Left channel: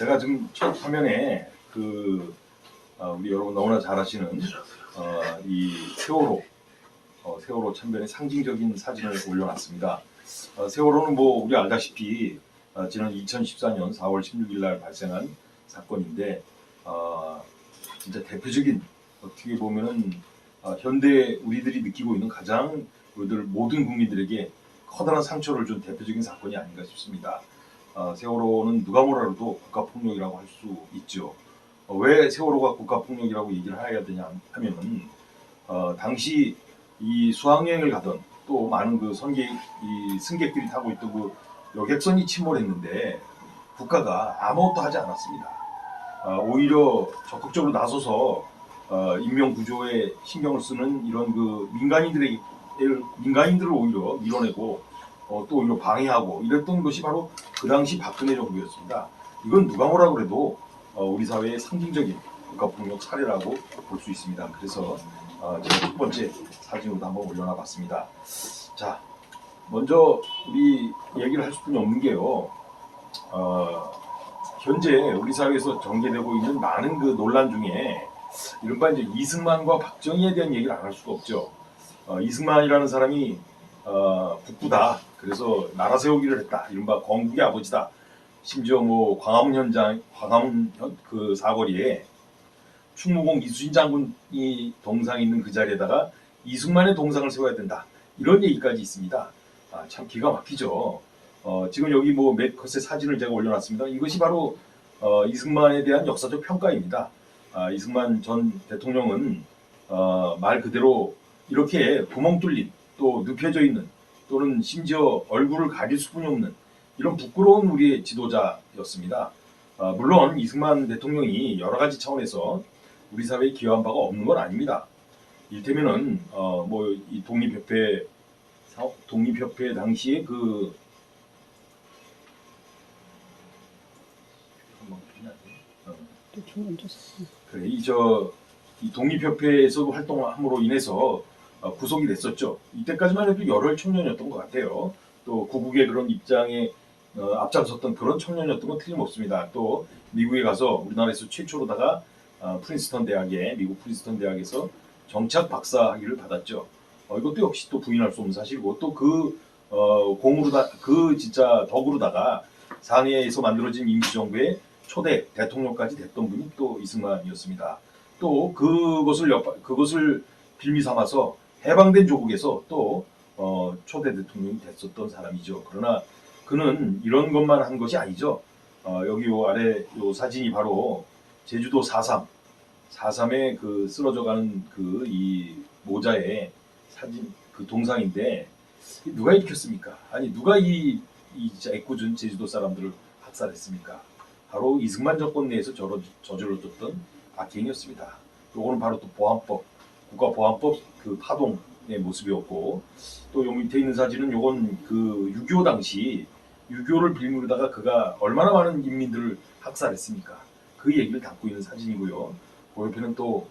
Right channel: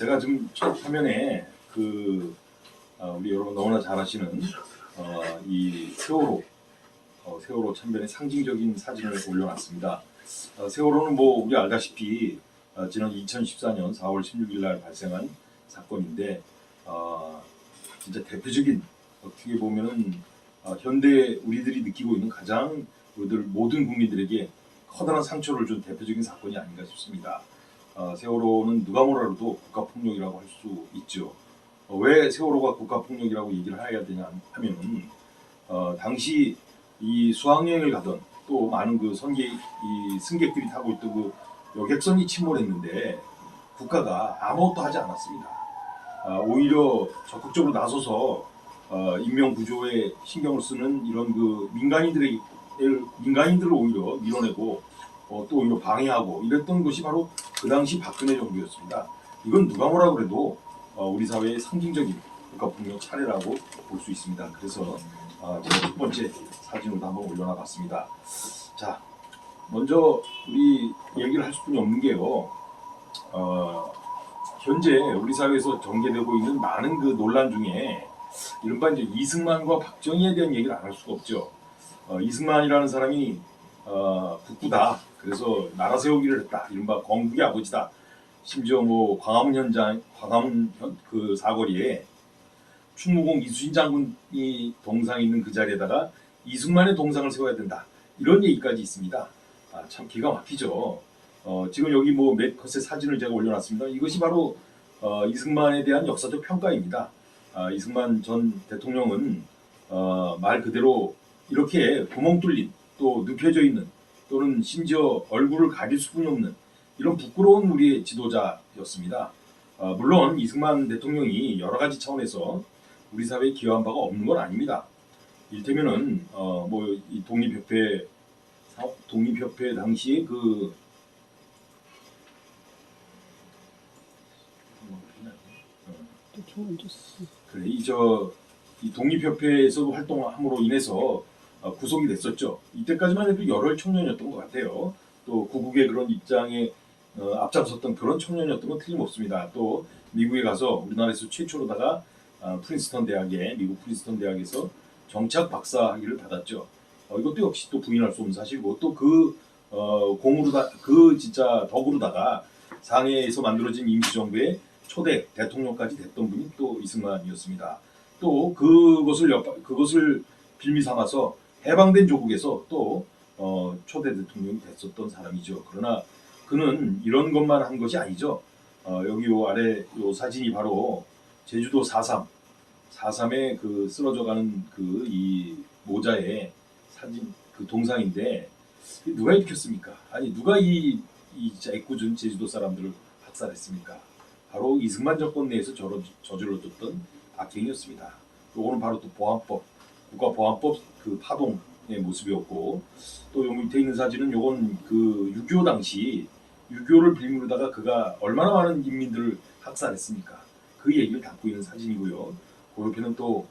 제가 지금 첫 화면에 우리 여러분 너무나 잘 아시는 이 세월호 참변의 상징적인 사진을 올려놨습니다. 세월호는 뭐 우리 알다시피 지난 2014년 4월 16일 날 발생한 사건인데 진짜 대표적인 어떻게 보면은 현대 우리들이 느끼고 있는 가장 우리들 모든 국민들에게 커다란 상처를 준 대표적인 사건이 아닌가 싶습니다. 세월호는 누가 뭐라도 국가폭력이라고 할 수 있죠. 왜 세월호가 국가폭력이라고 얘기를 해야 되냐 하면은 당시 이 수학여행을 가던 또 많은 그 승객들이 타고 있던 그 여객선이 침몰했는데 국가가 아무것도 하지 않았습니다. 오히려 적극적으로 나서서 인명 구조에 신경을 쓰는 이런 그 민간인들을 오히려 밀어내고 또 오히려 방해하고 이랬던 것이 바로 그 당시 박근혜 정부였습니다. 이건 누가 뭐라 그래도 우리 사회의 상징적인 국가폭력 사례라고 볼 수 있습니다. 그래서 제가 첫 번째 사진으로 한번 올려놔봤습니다. 자, 먼저 우리 얘기를 할 수뿐이 없는 게요. 현재 우리 사회에서 전개되고 있는 많은 그 논란 중에 이른바 이제 이승만과 박정희에 대한 얘기를 안 할 수가 없죠. 이승만이라는 사람이 국부다. 그래서 나라 세우기를 했다. 이른바 건국의 아버지다. 심지어 뭐 광화문 그 사거리에 충무공 이순신 장군이 동상이 있는 그 자리에다가 이승만의 동상을 세워야 된다. 이런 얘기까지 있습니다. 참 기가 막히죠. 지금 여기 뭐 몇 컷의 사진을 제가 올려놨습니다. 이것이 바로 이승만에 대한 역사적 평가입니다. 이승만 전 대통령은 말 그대로 이렇게 구멍 뚫린 또 눕혀져 있는 또는 심지어 얼굴을 가릴 수뿐이 없는 이런 부끄러운 우리의 지도자였습니다. 물론 이승만 대통령이 여러 가지 차원에서 우리 사회에 기여한 바가 없는 건 아닙니다. 이를테면은 뭐 이 독립협회 당시에 그래 이 독립협회에서도 활동함으로 인해서 구속이 됐었죠. 이때까지만 해도 열혈 청년이었던 것 같아요. 또 구국의 그런 입장에 앞장섰던 그런 청년이었던 건 틀림없습니다. 또 미국에 가서 우리나라에서 최초로다가 미국 프린스턴 대학에서 정치학 박사 학위를 받았죠. 이것도 역시 또 부인할 수 없는 사실이고 또 진짜 덕으로다가 상해에서 만들어진 임시정부의 초대 대통령까지 됐던 분이 또 이승만이었습니다. 또 그것을 빌미 삼아서 해방된 조국에서 또 초대 대통령이 됐었던 사람이죠. 그러나 그는 이런 것만 한 것이 아니죠. 여기 요 아래 요 사진이 바로 제주도 4.3의 그 쓰러져가는 그 이 모자의 사진 그 동상인데 누가 일으켰습니까? 아니 누가 이 진짜 애꿎은 제주도 사람들을 학살했습니까? 바로 이승만 정권 내에서 저질러졌던 악행이었습니다. 요거는 바로 또 국가보안법 그 파동의 모습이었고 또 요 밑에 있는 사진은 요건 그 6.25 당시 6.25를 빌미로다가 그가 얼마나 많은 인민들을 학살했습니까? 그 얘기를 담고 있는 사진이고요. 그 옆에는 또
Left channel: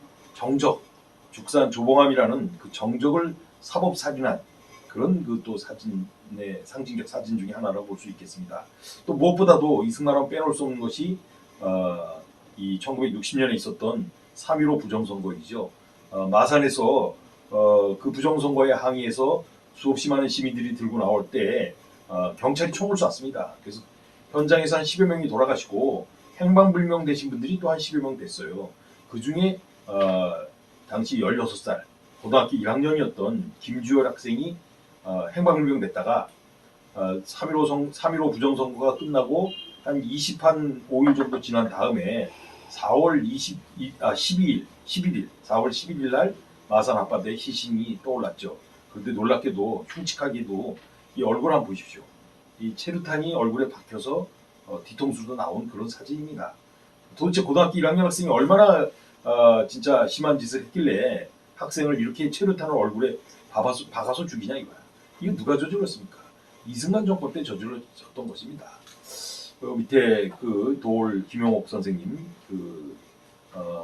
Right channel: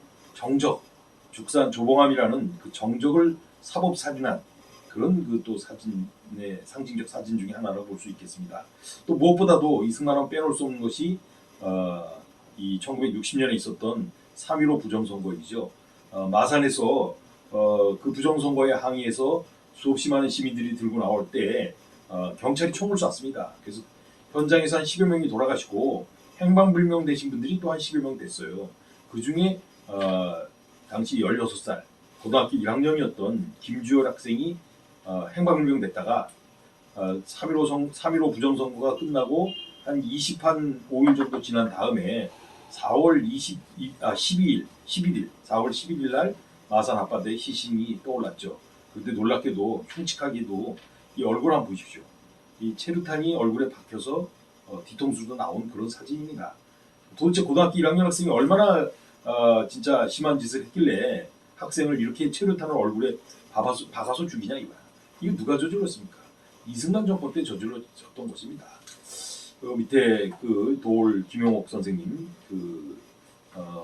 죽산 조봉암이라는 그 정적을 사법 살인한 그런 그 또 사진의 상징적 사진 중에 하나라고 볼 수 있겠습니다. 또 무엇보다도 이승만은 빼놓을 수 없는 것이 이 1960년에 있었던 3.15 부정선거이죠. 마산에서 그 부정선거에 항의해서 수없이 많은 시민들이 들고 나올 때 경찰이 총을 쐈습니다. 그래서 현장에서 한 10여 명이 돌아가시고 행방불명 되신 분들이 또 한 10여 명 됐어요. 그 중에 당시 16살 고등학교 1학년이었던 김주열 학생이 행방불명 됐다가 3.15 부정선거가 끝나고 한 25일 정도 지난 다음에 4월 11일 날 마산 앞바다에 시신이 떠올랐죠. 그런데 놀랍게도 흉측하게도 이 얼굴 한번 보십시오. 이 체류탄이 얼굴에 박혀서 뒤통수도 나온 그런 사진입니다. 도대체 고등학교 1학년 학생이 얼마나 진짜 심한 짓을 했길래 학생을 이렇게 체류탄을 얼굴에 박아서 죽이냐 이거야. 이거 누가 저질렀습니까? 이승만 정권 때 저질렀던 것입니다. 밑에 그 도올 김용옥 선생님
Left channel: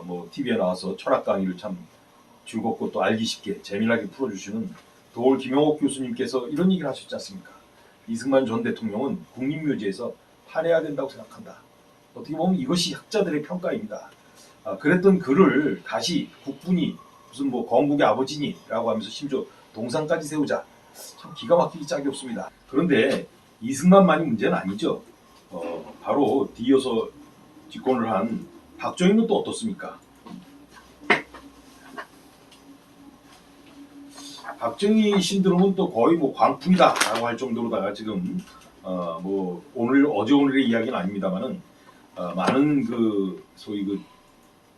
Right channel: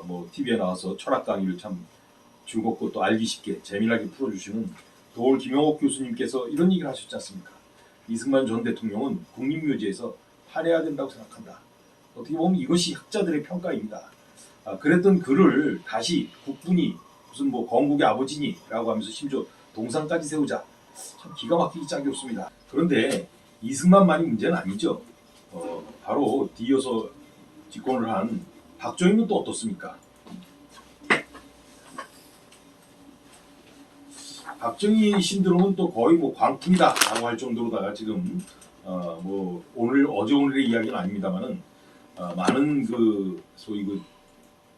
뭐 TV에 나와서 철학 강의를 참 즐겁고 또 알기 쉽게 재미나게 풀어주시는 도올 김용옥 교수님께서 이런 얘기를 하셨지 않습니까? 이승만 전 대통령은 국립묘지에서 파내야 된다고 생각한다. 어떻게 보면 이것이 학자들의 평가입니다. 그랬던 그를 다시 국군이 무슨 뭐 건국의 아버지니라고 하면서 심지어 동상까지 세우자. 참 기가 막히기 짝이 없습니다. 그런데 이승만만이 문제는 아니죠. 바로 뒤이어서 집권을 한 박정희는 또 어떻습니까? 박정희 신드롬은 또 거의 뭐 광풍이다라고 할 정도로다가 지금 뭐 어제 오늘의 이야기는 아닙니다만은 많은 그 소위 그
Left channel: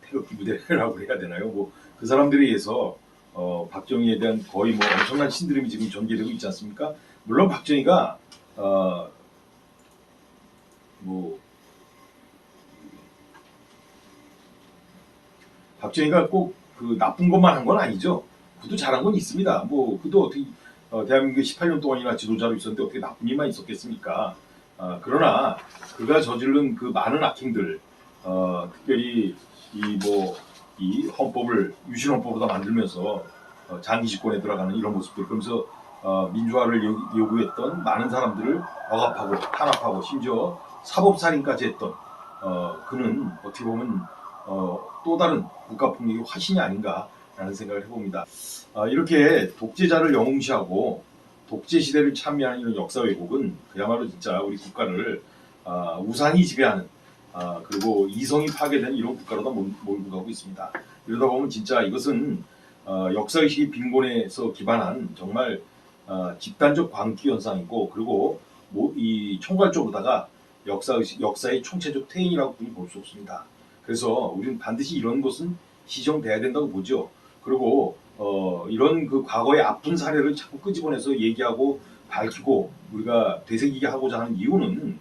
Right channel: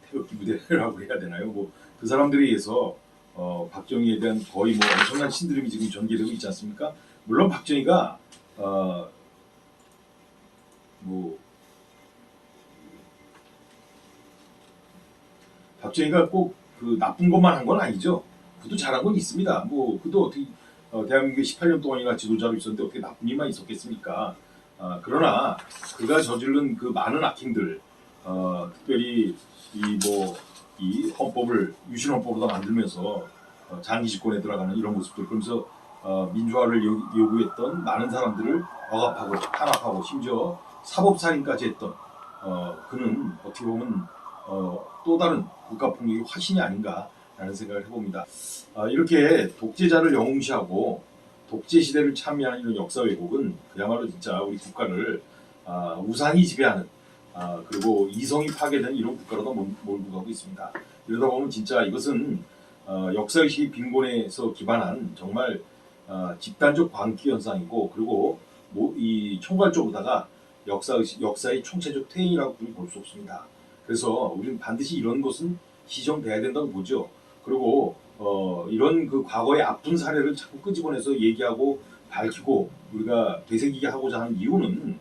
태극기 부대라고 해야 되나요? 뭐 그 사람들에 의해서 박정희에 대한 거의 뭐 엄청난 신드롬이 지금 전개되고 있지 않습니까? 물론 박정희가 뭐 박정희가 꼭 그 나쁜 것만 한 건 아니죠. 그도 잘한 건 있습니다. 뭐 그도 어떻게 대한민국에 18년 동안이나 지도자로 있었는데 어떻게 나쁜 일만 있었겠습니까? 그러나 그가 저지른 그 많은 악행들, 특별히 이 헌법을 유신헌법으로 만들면서 장기 집권에 들어가는 이런 모습들, 그러면서 민주화를 요구했던 많은 사람들을 억압하고 탄압하고 심지어 사법살인까지 했던 그는 어떻게 보면 또 다른 국가폭력의 화신이 아닌가라는 생각을 해봅니다. 이렇게 독재자를 영웅시하고 독재 시대를 참여하는 이런 역사 왜곡은 그야말로 진짜 우리 국가를 우상이 지배하는 그리고 이성이 파괴되는 이런 국가로다 몰고 가고 있습니다. 이러다 보면 진짜 이것은 역사의식의 빈곤에서 기반한 정말 집단적 광기 현상이고, 그리고 이 총괄적으로다가 역사의 총체적 퇴행이라고 볼 수 없습니다. 그래서 우리는 반드시 이런 것은 시정돼야 된다고 보죠. 그리고 이런 그 과거의 아픈 사례를 자꾸 끄집어내서 얘기하고 밝히고 우리가 되새기게 하고자 하는 이유는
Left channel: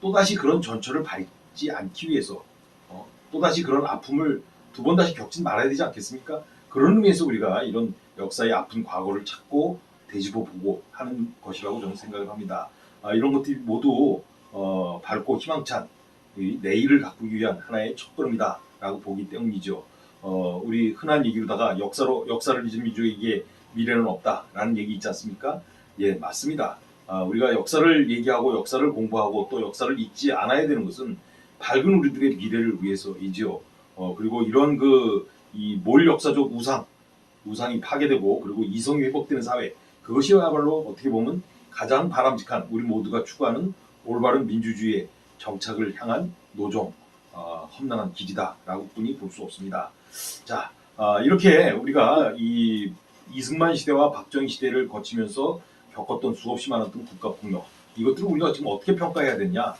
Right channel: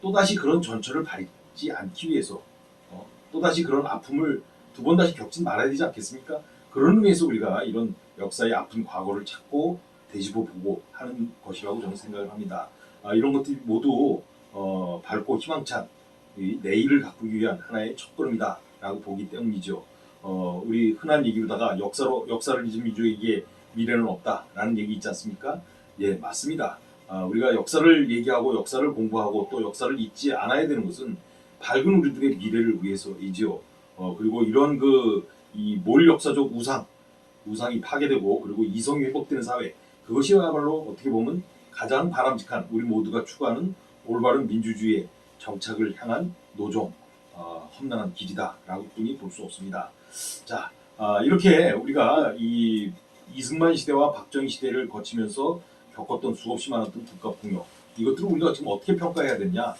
또다시 그런 전철을 밟지 않기 위해서 또다시 그런 아픔을 두 번 다시 겪지 말아야 되지 않겠습니까? 그런 의미에서 우리가 이런 역사의 아픈 과거를 찾고 되짚어보고 하는 것이라고 저는 생각을 합니다. 이런 것들이 모두 밝고 희망찬 내일을 가꾸기 위한 하나의 첫걸음이다라고 보기 때문이죠. 우리 흔한 얘기로다가 역사를 잊은 민족에게 미래는 없다라는 얘기 있지 않습니까? 예, 맞습니다. 우리가 역사를 얘기하고 역사를 공부하고 또 역사를 잊지 않아야 되는 것은 밝은 우리들의 미래를 위해서이죠. 그리고 이런 이몰 역사적 우상이 파괴되고 그리고 이성이 회복되는 사회, 그것이야말로 어떻게 보면 가장 바람직한 우리 모두가 추구하는 올바른 민주주의의 정착을 향한 노종, 험난한 길이다라고 뿐이 볼 수 없습니다. 자, 이렇게 우리가 이 이승만 시대와 박정희 시대를 거치면서 겪었던 수없이 많았던 국가폭력, 이것들을 우리가 지금 어떻게 평가해야 되냐?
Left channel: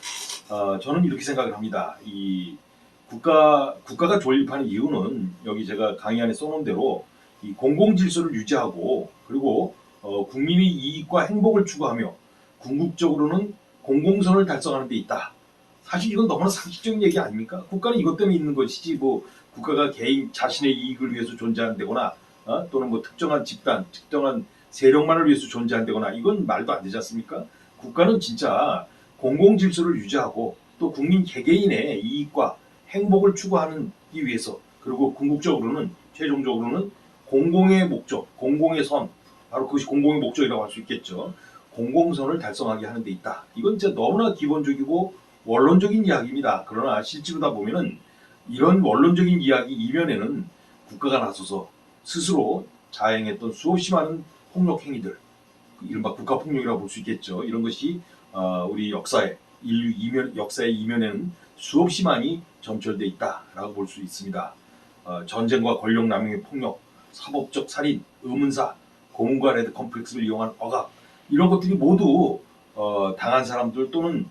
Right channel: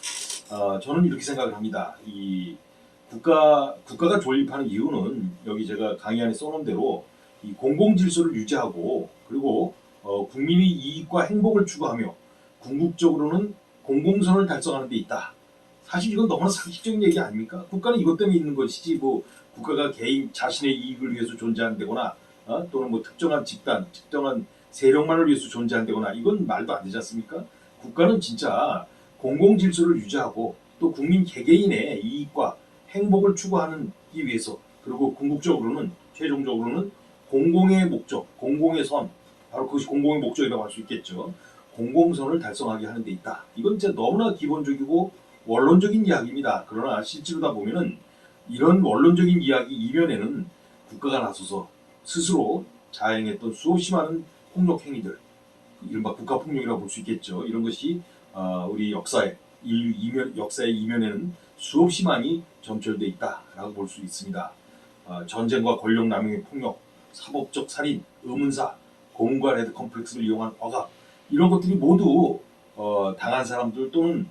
저는 이렇게 생각을 합니다. 이 국가가 존립하는 이유는 여기 제가 강의 안에 써놓은 대로 이 공공질서를 유지하고 그리고 국민의 이익과 행복을 추구하며 궁극적으로는 공공선을 달성하는 데 있다. 사실 이건 너무나 상식적인 얘기 아닙니까? 국가는 이것 때문에 있는 것이지 뭐 국가가 개인 자신의 이익을 위해서 존재한다거나 또는 뭐 특정한 집단, 특정한 세력만을 위해서 존재한다거나 이건 말도 안 되지 않습니까? 국가는 진짜 공공질서를 유지하고 또 국민 개개인의 이익과 행복을 추구하는 이 위해서, 그리고 궁극적으로는 최종적으로는 공공의 목적, 공공의 선, 바로 그것이 공공의 목적이라고 할 수 있겠죠. 공공선을 달성하게 하는 데 있다. 이건 진짜 너무나 기본적이고 원론적인 이야기입니다. 그러나 실제로다 보면은 이런 원론적인 이야기 이면에는 국가가 나서서 스스로 자행했던 수없이 많은 폭력 행위들, 이른바 국가폭력이라고 볼 수 있겠죠. 이런 것이 우리 역사의 이면에는 수없이 많이 점철돼 있다라고 볼 수 있습니다. 전쟁과 권력 남용의 폭력, 사법적 살인, 의문사, 고문과 레드 컴플렉스를 이용한 억압, 이런 것들이 모두 당한 사람들 또는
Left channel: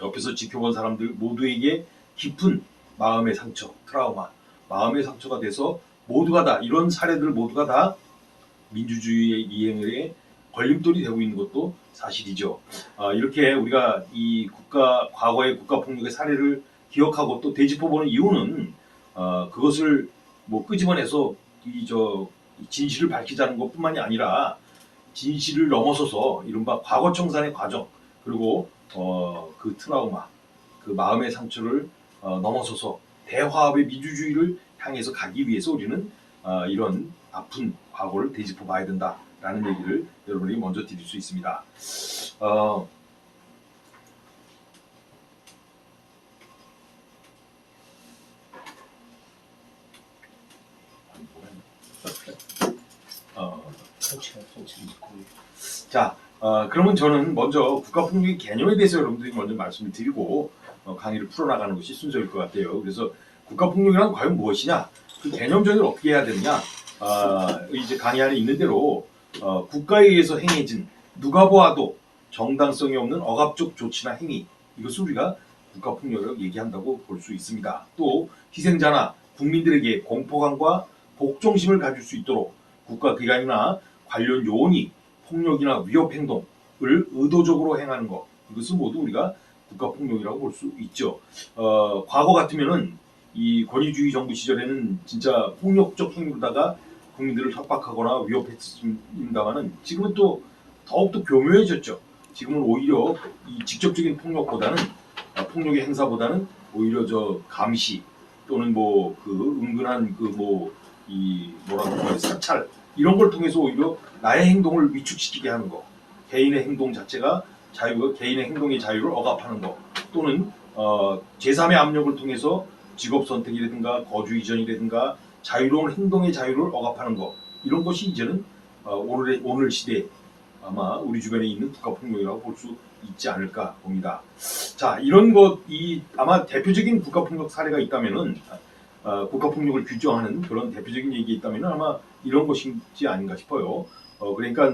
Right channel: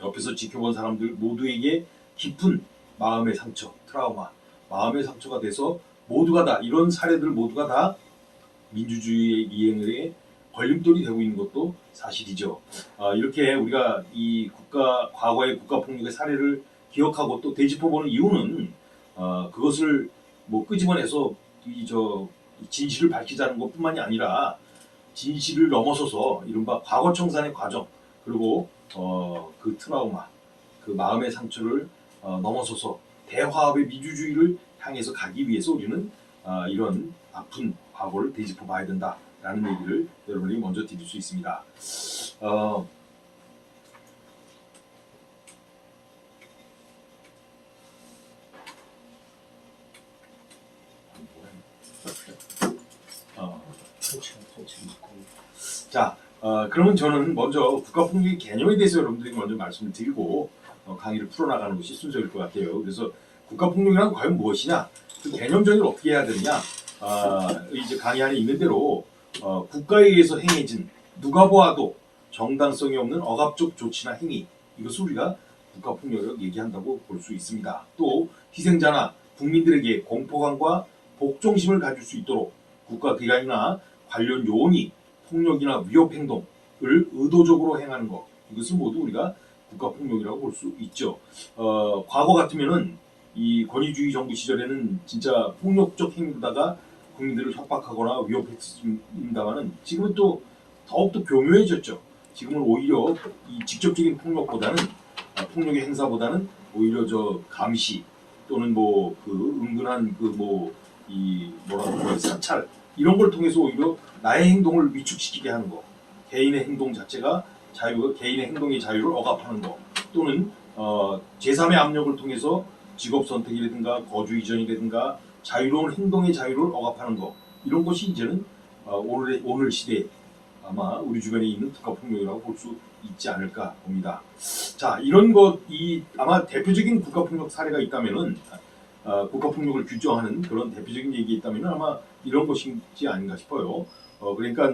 옆에서 지켜본 사람들 모두에게 깊은 마음의 상처, 트라우마, 마음의 상처가 돼서 모두가 다 이런 사례들 모두가 다 민주주의의 이행에 걸림돌이 되고 있는 것도 사실이죠. 이렇게 우리가 이 과거의 국가폭력의 사례를 기억하고 또 되짚어보는 이유는 그것을 뭐 끄집어내서 진실을 밝히자는 것뿐만이 아니라 진실을 넘어서서 이른바 과거 청산의 과정, 그리고 그 트라우마, 그 마음의 상처를 넘어서서 대화합의 민주주의를 향해서 가기 위해서 우리는 이런 아픈 과거를 되짚어 봐야 된다라는 얘기를 여러분에게 먼저 드릴 수 있습니다. 자, 그러면 저는 먼저 국가폭력의 개념에 대해서 여러분들이 먼저 말씀을 드리고 강의를 풀어나가는 것이 순서일 것 같아요. 그래서 국가폭력이란 과연 무엇이냐? 그 개념 정의를 어떻게 해야 되느냐? 이제 강의 안에 있는 대로 국가에 의해서 행해진 누가 보아도 정당성이 없는 억압적 조치나 행위, 이것을 우리가 국가폭력이라고 얘기한다고 볼 수 있습니다. 또 희생자나 국민들에게 공포감과 복종심을 가질 수 있도록 국가기관이나 관련 요원이 폭력이나 위협 행동을 의도적으로 행하는 것, 이것을 모두 우리가 국가폭력이라고 볼 수 있죠. 과거 같으면은 이 권위주의 정부 시절에는 진짜 폭력적 행위로다가 국민들을 협박하거나 위협했습니다만은 지금은 또 더욱더 교묘해졌죠. 지금은 오히려 이 직접적인 폭력보다는 폭력의 행사보다는 오히려 저 감시 또는 뭐 그 은근한 그 뭐 이 뭐라고 할까요, 사찰 이런 걸 통해서 오히려 나의 행동을 위축시키게 하는 거, 개인의 행동 자체가 개인의 행동의 자유를 억압하는 거, 또는 제3의 압력을 통해서 직업 선택이라든가 거주 이전이라든가 자유로운 행동의 자유를 억압하는 거, 이런 것이 이제는 오늘 시대 아마 우리 주변에 있는 국가폭력이라고 볼 수 있지 않을까 봅니다. 자, 이런 아마 대표적인 국가폭력 사례가 있다면은 국가폭력을 규정하는 그런 대표적인 얘기 있다면은 아마 이런 것이지 아닌가 싶어요. 그러니까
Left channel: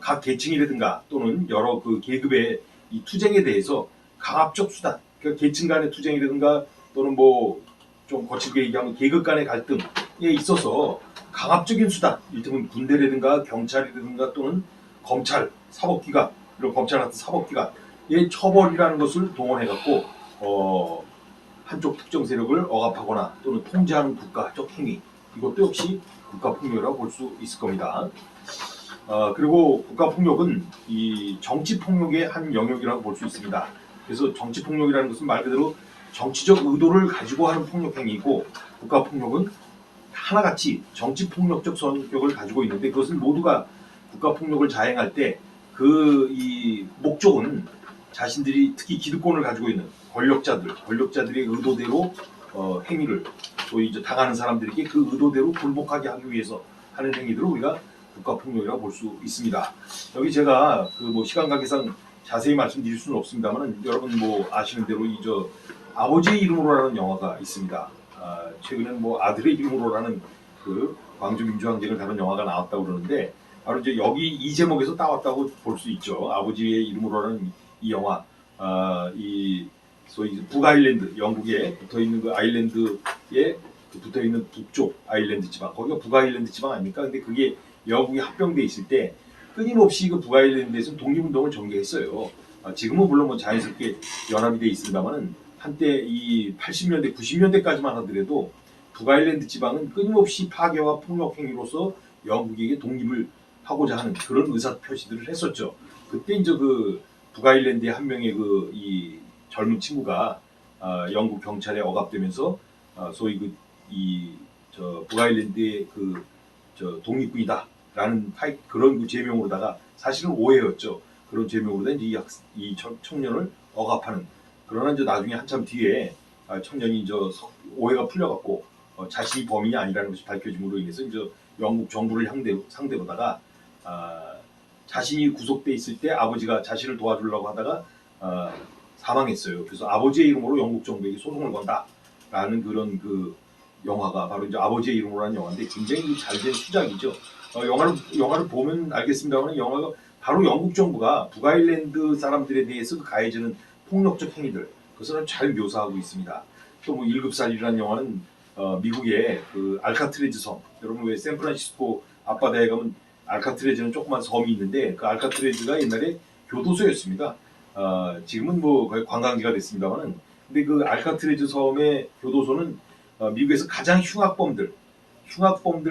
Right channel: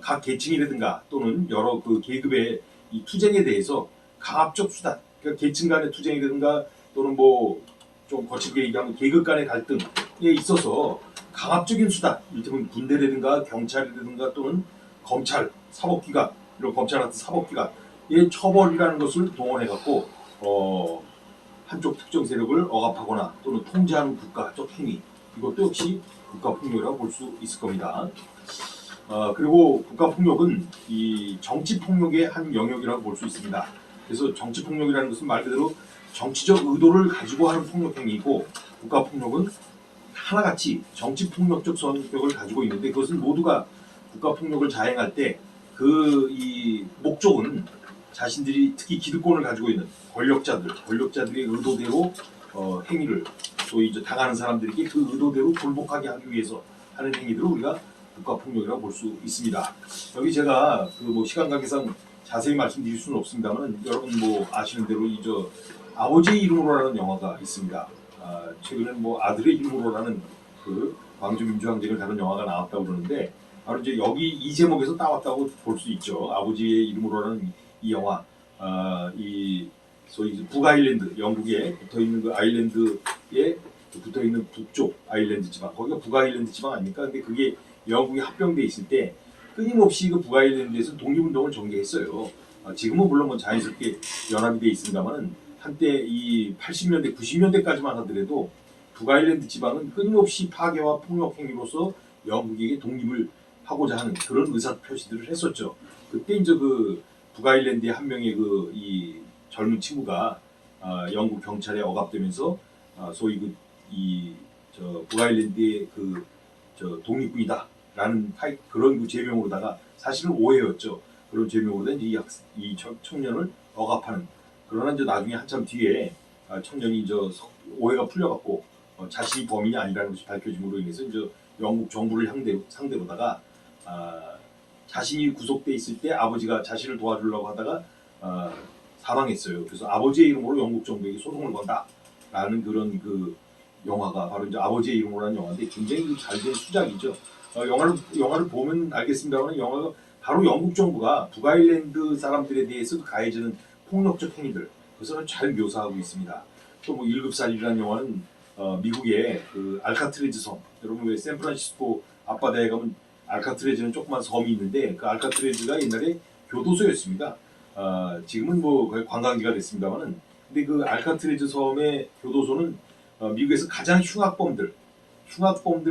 각 계층이라든가 또는 여러 그 계급의 이 투쟁에 대해서 강압적 수단, 그러니까 계층 간의 투쟁이라든가 또는 뭐 좀 거칠게 얘기하면 계급 간의 갈등에 있어서 강압적인 수단, 이를테면 군대라든가 경찰이라든가 또는 검찰, 사법기관, 그리고 검찰 같은 사법기관의 처벌이라는 것을 동원해갖고 한쪽 특정 세력을 억압하거나 또는 통제하는 국가적 행위, 이것도 역시 국가폭력이라고 볼 수 있을 겁니다. 그리고 국가폭력은 이 정치폭력의 한 영역이라고 볼 수 있습니다. 그래서 정치폭력이라는 것은 말 그대로 정치적 의도를 가지고 하는 폭력행위이고, 국가폭력은 하나같이 정치폭력적 성격을 가지고 있는데, 그것은 모두가 국가폭력을 자행할 때 이 목적은 자신들이 특히 기득권을 가지고 있는 권력자들의 의도대로 행위를 소위 이제 당하는 사람들에게 그 의도대로 굴복하게 하기 위해서 하는 행위들을 우리가 국가폭력이라고 볼 수 있습니다. 여기 제가 그 뭐 시간 관계상 자세히 말씀드릴 수는 없습니다만, 여러분 뭐 아시는 대로 아버지의 이름으로라는 영화가 있습니다. 최근에 뭐 아들의 이름으로라는 그 광주 민주항쟁을 다룬 영화가 나왔다고 그러는데, 바로 이제 여기 이 제목에서 따왔다고 볼 수 있죠. 아버지의 이름으로라는 이 영화, 이 소위 북아일랜드, 영국에 붙어 있는 그 아일랜드에 붙어 있는 북쪽 아일랜드 지방, 거기가 북아일랜드 지방 아닙니까? 근데 그게 영국에 합병돼 있을 때 끊임없이 그 북아일랜드에서 독립운동을 전개했어요. 지금은 물론 뭐 자연스럽게 연합이 돼 있습니다만은 한때 이 80년대, 90년대까지만 하더라도 북아일랜드 지방은 끊임없이 파괴와 폭력 행위로서 영국에게 독립을 하고자 하는 그런 의사 표시들을 했었죠. 그때 이제 그 북아일랜드의 한 명의 이 젊은 친구가 영국 경찰에 억압되면서 소위 북아일랜드의 독립군이다라는 그런 제명으로다가, 사실은 오해였죠. 그런 제명으로다가 이 청년을 억압하는. 그러나 이제 나중에 한참 뒤에 청년이 오해가 풀려갖고 자신이 범인이 아니라는 것이 밝혀짐으로 인해서 이제 영국 정부를 상대로다가 자신이 구속돼 있을 때 아버지가 자신을 도와주려고 하다가 사망했어요. 그래서 아버지의 이름으로 영국 정부에게 소송을 건다라는 그런 그 영화가 바로 이제 아버지의 이름으로라는 영화인데, 굉장히 잘된 수작이죠. 영화를 보면 알겠습니다만, 영화가 바로 영국 정부가 북아일랜드 사람들에 대해서 가해지는 폭력적 행위들, 그것을 잘 묘사하고 있습니다. 또 뭐 1급살이라는 영화는 미국의 그 알카트레즈 섬, 여러분 왜 샌프란시스코 앞바다에 가면 알카트레즈는 조그만 섬이 있는데, 그 알카트레즈가 옛날에 교도소였습니다. 지금은 뭐 거의 관광지가 됐습니다만은, 근데 그 알카트레즈 섬의 교도소는 미국에서 가장 흉악범들,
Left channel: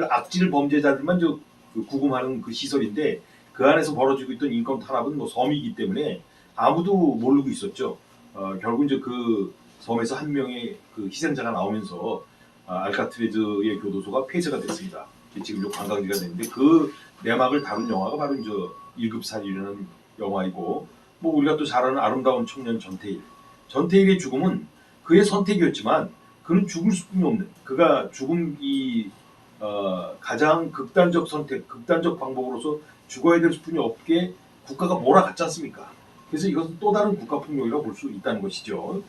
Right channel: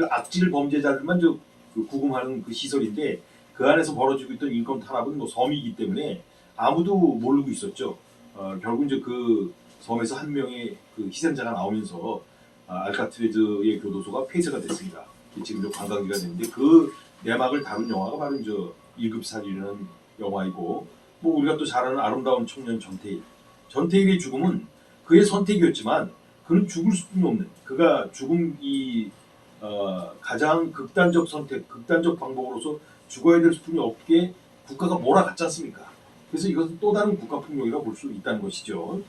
악질 범죄자들만 그 구금하는 그 시설인데, 그 안에서 벌어지고 있던 인권 탄압은 뭐 섬이기 때문에 아무도 모르고 있었죠. 결국 이제 그 섬에서 한 명의 그 희생자가 나오면서 알카트레즈의 교도소가 폐쇄가 됐습니다. 지금 관광지가 됐는데, 그 내막을 다룬 영화가 바로 이제 1급살이라는 영화이고, 뭐 우리가 또 잘 아는 아름다운 청년 전태일의 죽음은 그의 선택이었지만 그는 죽을 수뿐이 없는, 그가 죽음이 가장 극단적 선택, 극단적 방법으로서 죽어야 될 수뿐이 없게 국가가 몰아갔지 않습니까? 그래서 이것은 또 다른 국가 폭력이라고 볼 수 있다는 것이죠.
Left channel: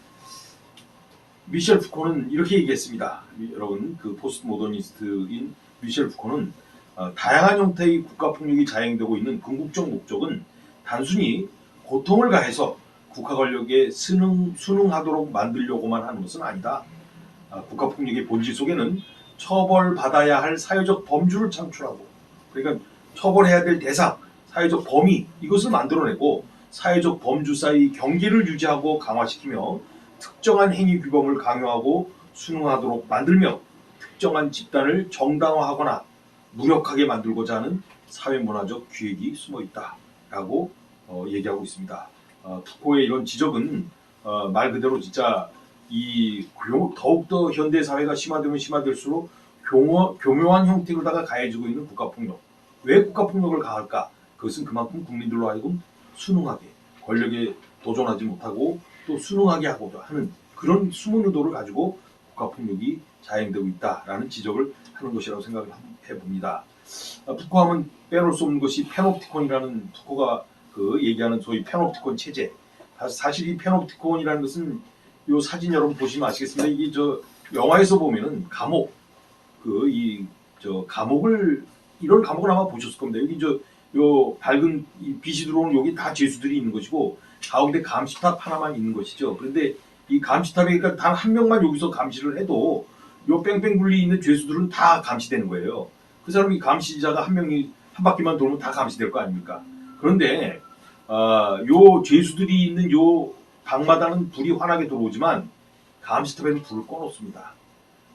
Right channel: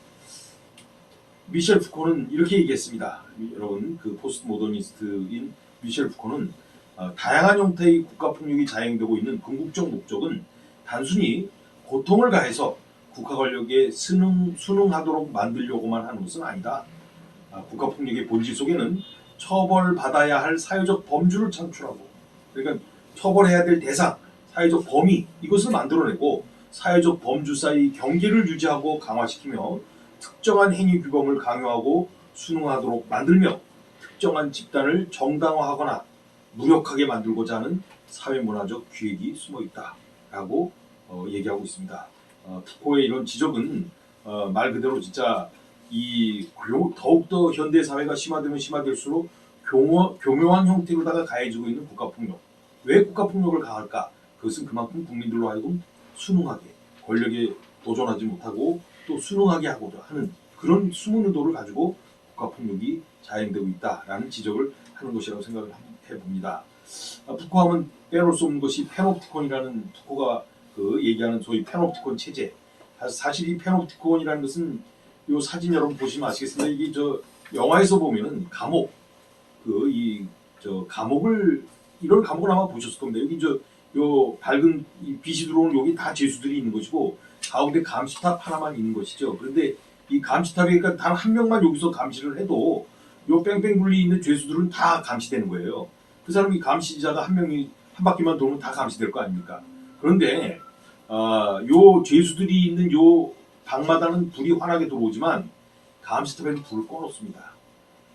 미셸 푸코는 이렇게 얘기했습니다. 여러분, 그 포스트 모더니스트인 미셸 푸코는 다양한 형태의 국가 폭력이 자행되고 있는 궁극적 목적은 단순히 고통을 가해서 국가 권력에 순응하도록 만들려고만 하는 것은 아니다. 국가 폭력의 본질 속에는 처벌받아야 할 사회적 범주를 창출하고, 그러니까 처벌해야 될 대상, 사회적 범위, 이것을 만들어내고 사회적 범주 사이 경계를 유지하고 강화시키며 특정한 행위 규범을 강요하고 순응하도록 만들며 특정한 집단을 정당화하거나 무력하게 만들고자 하는 사회문화적 기획이 숨어있다라고 얘기하고 있습니다. 푸코의 이런 지적은 말 그대로 진짜 더욱더 현대 사회가 심화되면 심화될수록 교묘한 형태로다가 가해지고 있는 국가폭력. 왜 국가폭력을 가할까? 그것은 그만큼 국민들로 하여금 순응하게, 권력에 도전하지 못하고 또 순응하게 하고자 하는 그런 숨은 의도를 가지고 국가폭력이 자행되고 있다라는 지적을 하는 것이라고 생각을 해봅니다. 푸코하면 빼놓을 수 없는 것이 페놉티콘이라는 푸코가 얘기하는 소위 페놉티콘 체제. 사실 이 페놉티콘이라는 것은 이 사진 여러분 보시면 아시겠습니다. 이게 영화에서 보면은 감옥, 감옥을, 이런 감옥을 아마 보셨을 겁니다. 여기 요 밝은 빛이 들어오는 여기 다 죄수들이 있는 것이고 가운데 감시탑 하나만 있는 것이죠. 그런데 이 감시탑에 그러니까 단 한 명만 여기서 감시를 해도 요 뺑뺑 굴리 있는 죄수들은 다 감시되는 거예요. 그 사람이 감시자가 한 명이 한 바퀴만 돌면 다 감시될 거 아닙니까? 그런데 요 죄수들이 있는 요 방마다는 불이 환하게 들어오지만 감시탑에는 불을 꺼놓습니다.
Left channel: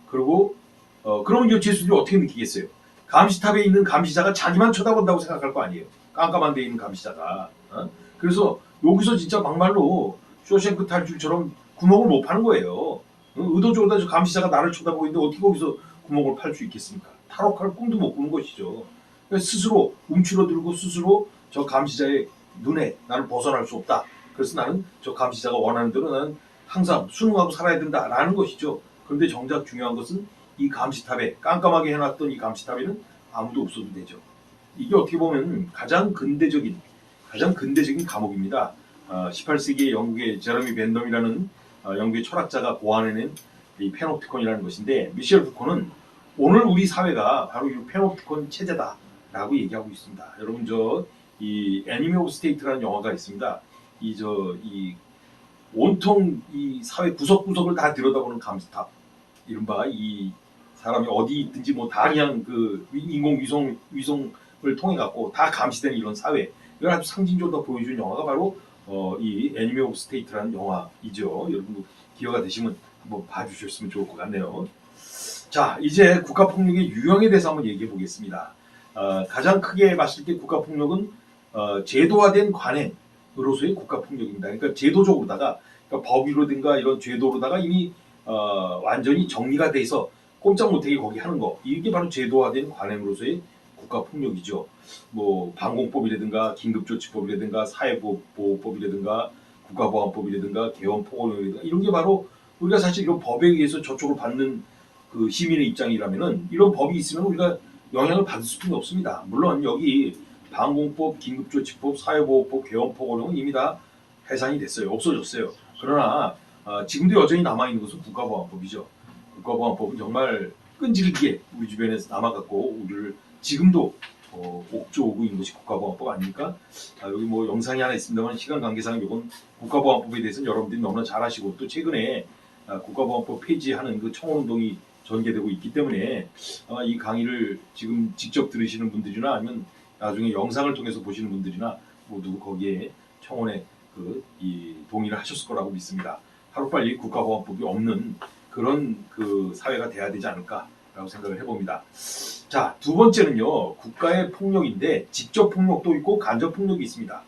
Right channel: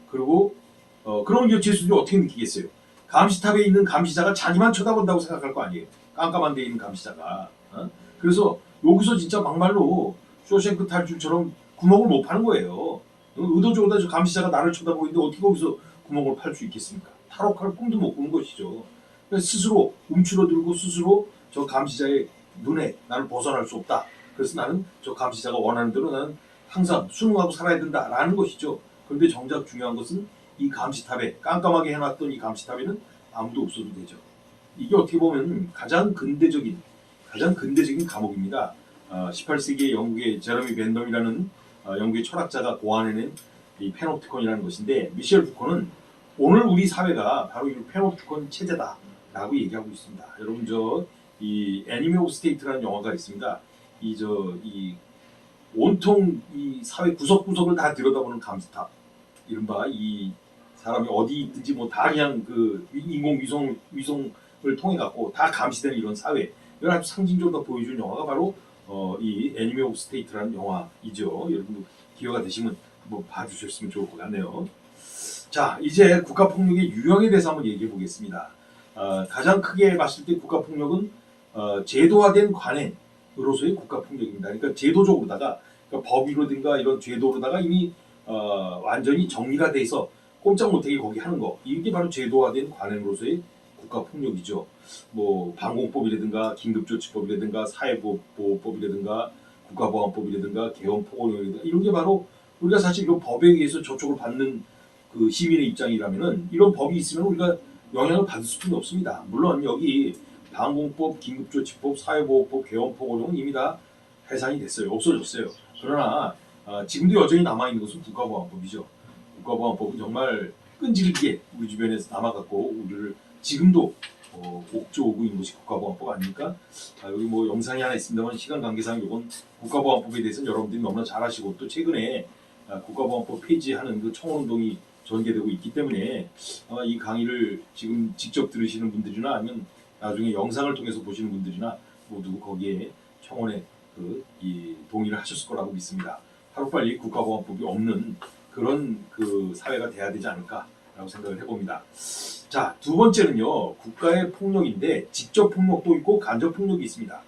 그리고 그럼 요 죄수들이 어떻게 느끼겠어요? 감시탑에 있는 감시자가 자기만 쳐다본다고 생각할 거 아니에요. 깜깜한 데 있는 감시자가. 그래서 여기서 진짜 막말로 쇼생크 탈출처럼 구멍을 못 파는 거예요. 의도적으로 저 감시자가 나를 쳐다보고 있는데 어떻게 거기서 구멍을 팔 수 있겠습니까? 탈옥할 꿈도 못 꾸는 것이죠. 스스로 움츠러들고 스스로 저 감시자의 눈에 나는 벗어날 수 없다. 그래서 나는 저 감시자가 원하는 대로 나는 항상 순응하고 살아야 된다라는 것이죠. 그런데 정작 중요한 것은 이 감시탑에 깜깜하게 해놨던 이 감시탑에는 아무도 없어도 되죠. 이게 어떻게 보면 가장 근대적인 감옥입니다. 18세기 영국의 제러미 벤덤이라는 영국의 철학자가 고안해낸 이 페놉티콘이라는 것인데 미셸 푸코는 오늘 우리 사회가 바로 이 페놉티콘 체제다라고 얘기하고 있습니다. 여러분 이 애니미 오브 스테이트라는 영화가 있습니다. 이 온통 이 사회 구석구석을 다 들여다보는 감시탑, 이른바 이 사람이 어디 있든지 뭐 다 그냥 그 인공 위성을 통해 갖고 다 감시되는 이런 사회, 이걸 아주 상징적으로 보여준 영화가 바로 이 애니미 오브 스테이트라는 영화이죠. 여러분도 기회가 되시면 한번 봐주셨으면 좋을 것 같네요. 자, 이제 국가폭력의 유형에 대해서 한번 얘기해 보겠습니다. 가장 크게 봤을 때 국가폭력은 제도화된 관행으로서의 국가폭력입니다. 그러니까 제도적으로다가 그러니까 법이라든가 이런 제도로다가 이미 완전히 정리가 돼서 꼼짝 못하게 거기 하는 거, 이게 바로 제도화된 관행으로서의 국가폭력이죠. 뭐 방공법이라든가 긴급조치법이라든가 사회보호법이라든가 국가보안법이라든가 개헌포고령이라든가 이런 게 바로 우리가 사실 이런 법에 의해서 저촉을 받는 그 시민의 입장이라면은 이런 법이 있으면 우리가 영향을 받을 수밖에 없습니다. 물론 여기 방공법, 긴급조치법, 사회보호법, 개헌포고령은 이미 다 해산이 됐어요. 없어졌어요. 그러나 지금도 여전히 남아있는 것은 국가보안법이죠. 국가보안법은 정말 끈질기게 우리 주변에서 남아갖고 우리를 지금도 옥죄오고 있는 것이 국가보안법 아닙니까? 여기 뭐 영상이 하나 있습니다만 시간 관계상 이건 국가보안법에 대해서는 여러분들이 너무나 잘 아시고 또 최근에 국가보안법 폐지하는 그 청원운동이 전개되고 있기 때문에 아마 이 강의를 지금 직접 들으시는 분들이나 아니면 나중에 영상을 통해서 보시는 분들이나 모두 거기에 청원에 이 동의를 하셨을 거라고 믿습니다. 하루빨리 국가보안법이 없는 그런 그 사회가 돼야 되지 않을까라고 생각을 해봅니다. 자, 두 번째는요, 국가의 폭력인데 직접 폭력도 있고 간접 폭력이 있습니다.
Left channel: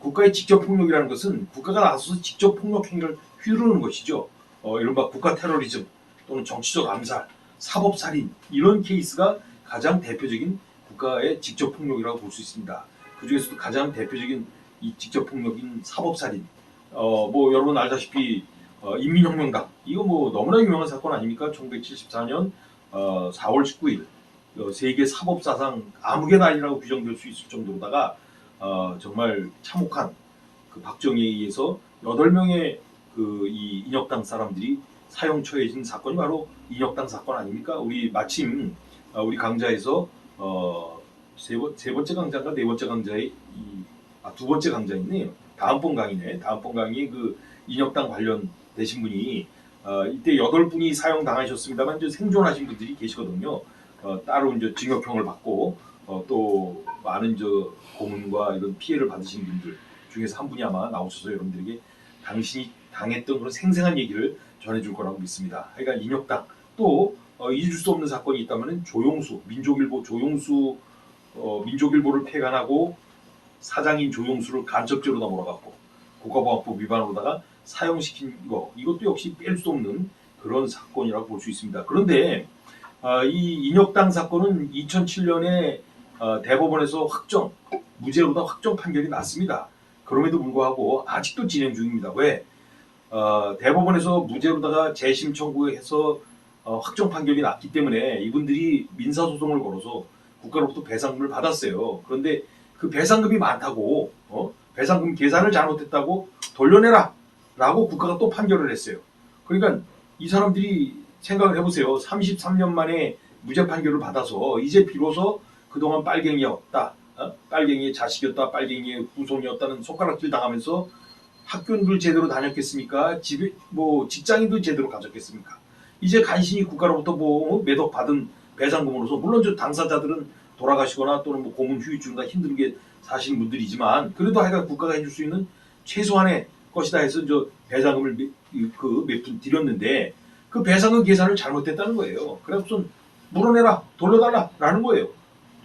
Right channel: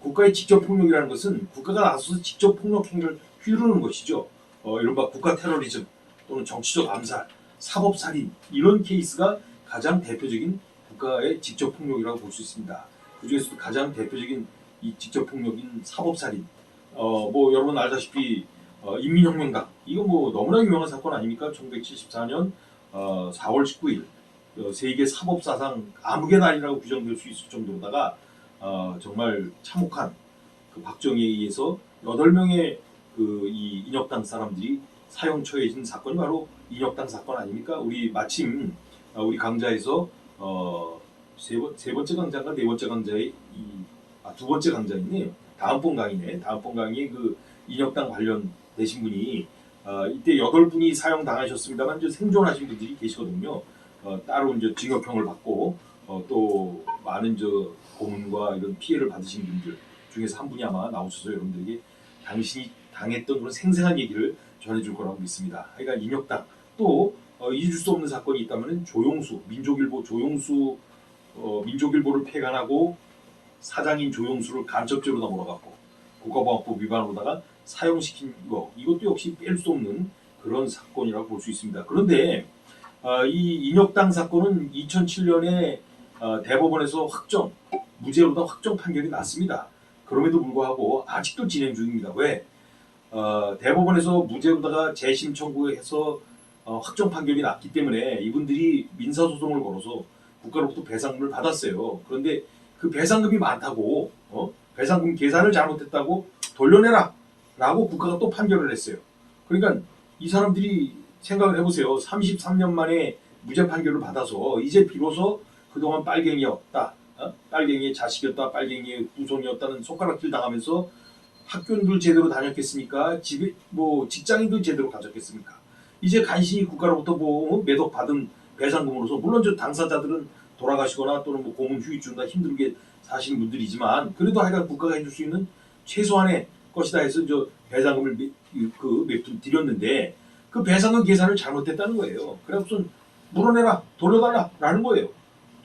국가의 직접 폭력이라는 것은 국가가 나서서 직접 폭력 행위를 휘두르는 것이죠. 이른바 국가 테러리즘 또는 정치적 암살, 사법살인 이런 케이스가 가장 대표적인 국가의 직접 폭력이라고 볼 수 있습니다. 그 중에서도 가장 대표적인 이 직접 폭력인 사법살인. 뭐 여러분 알다시피 인민혁명당 이거 뭐 너무나 유명한 사건 아닙니까? 1974년 4월 19일 세계 사법사상 암흑의 날이라고 규정될 수 있을 정도로다가 정말 참혹한 그 박정희에 의해서 8명의 그 이 인혁당 사람들이 사형 처해진 사건이 바로 인혁당 사건 아닙니까? 우리 마침 우리 강좌에서 세 번째 강좌가 네 번째 강좌에 두 번째 강좌 있네요. 다음번 강의네. 다음번 강의 그 인혁당 관련되신 분이 이때 8분이 사형 당하셨습니다만 이제 생존하신 분들이 계시거든요. 따로 이제 징역형을 받고 또 많은 고문과 이런 피해를 받으신 분들 중에서 한 분이 아마 나오셔서 여러분들에게 당신이 당했던 그런 생생한 얘기를 전해줄 거라고 믿습니다. 그러니까 인혁당 또 잊을 수 없는 사건이 있다면 조용수 민족일보 조용수 민족일보를 폐간하고 사장인 조용수를 간첩죄로다 몰아갖고 국가보안법 위반으로다가 사형시킨 이것도 역시 뺄 수 없는 그런 사건이라고 볼 수 있습니다. 그런데 이 인혁당 사건은 2007년에 대법원에서 무죄로다 확정 판결이 났습니다. 그럼에도 불구하고 아직도 진행 중입니다. 왜? 대법원에서 무죄로다가 재심 청구해서 확정 판결이 났기 때문에 이분들이 민사소송을 걸어서 국가로부터 배상금을 받았어요. 그런데 그 배상금이 많다고 배상금 계산을 잘못했다고 돌려내라 라고 국가가 또 판결을 했어요. 그러니까 이 사람들이 생각을 해보세요. 33년 만에 무죄 판결을 받아서 이제 비로소 그동안 빨갱이였다, 빨갱이의 자식이었다, 빨갱이의 후손이었다는 손가락질 당하면서 학교인들 제대로 다녔겠습니까? 직장인들 제대로 가졌겠습니까? 이제 간신히 국가로부터 매덕 받은 배상금으로서 물론 저 당사자들은 돌아가시거나 또는 고문 휴직중이나 힘들게 사시는 분들이지만 그래도 하여간 국가가 해줄 수 있는 최소한의 것이다 해서 배상금을 몇 푼 드렸는데 그 배상금 계산을 잘못했다는 거예요. 그래서 물어내라, 돌려달라라는 거예요.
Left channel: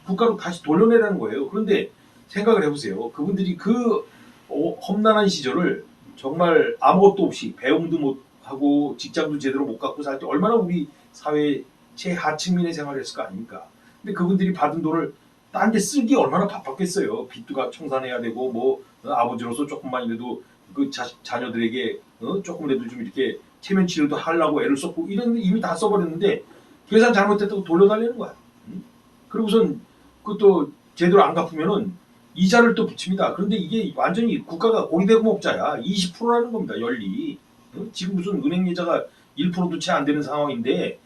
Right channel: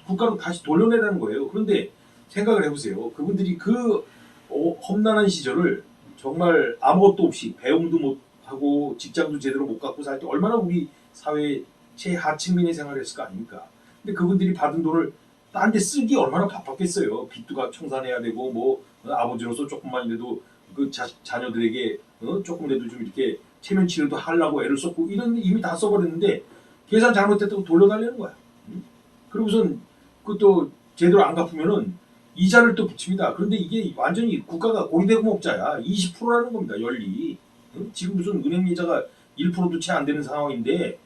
국가로 다시 돌려내라는 거예요. 그런데 생각을 해보세요. 그분들이 그 험난한 시절을 정말 아무것도 없이 배움도 못 하고 직장도 제대로 못 갖고 살 때 얼마나 우리 사회 최하층민의 생활을 했을 거 아닙니까? 근데 그분들이 받은 돈을 딴 데 쓰기 얼마나 바빴겠어요. 빚도 청산해야 되고 아버지로서 조금만이라도 그 자녀들에게 조금이라도 좀 이렇게 체면 치료도 하려고 애를 썼고 이런 이미 다 써버렸는데 계산 잘못했다고 돌려달라는 거야. 그리고선 그것도 제대로 안 갚으면은 이자를 또 붙입니다. 그런데 이게 완전히 국가가 고리대금업자야. 20%라는 겁니다. 연리. 지금 무슨 은행 이자가 1%도 채 안 되는 상황인데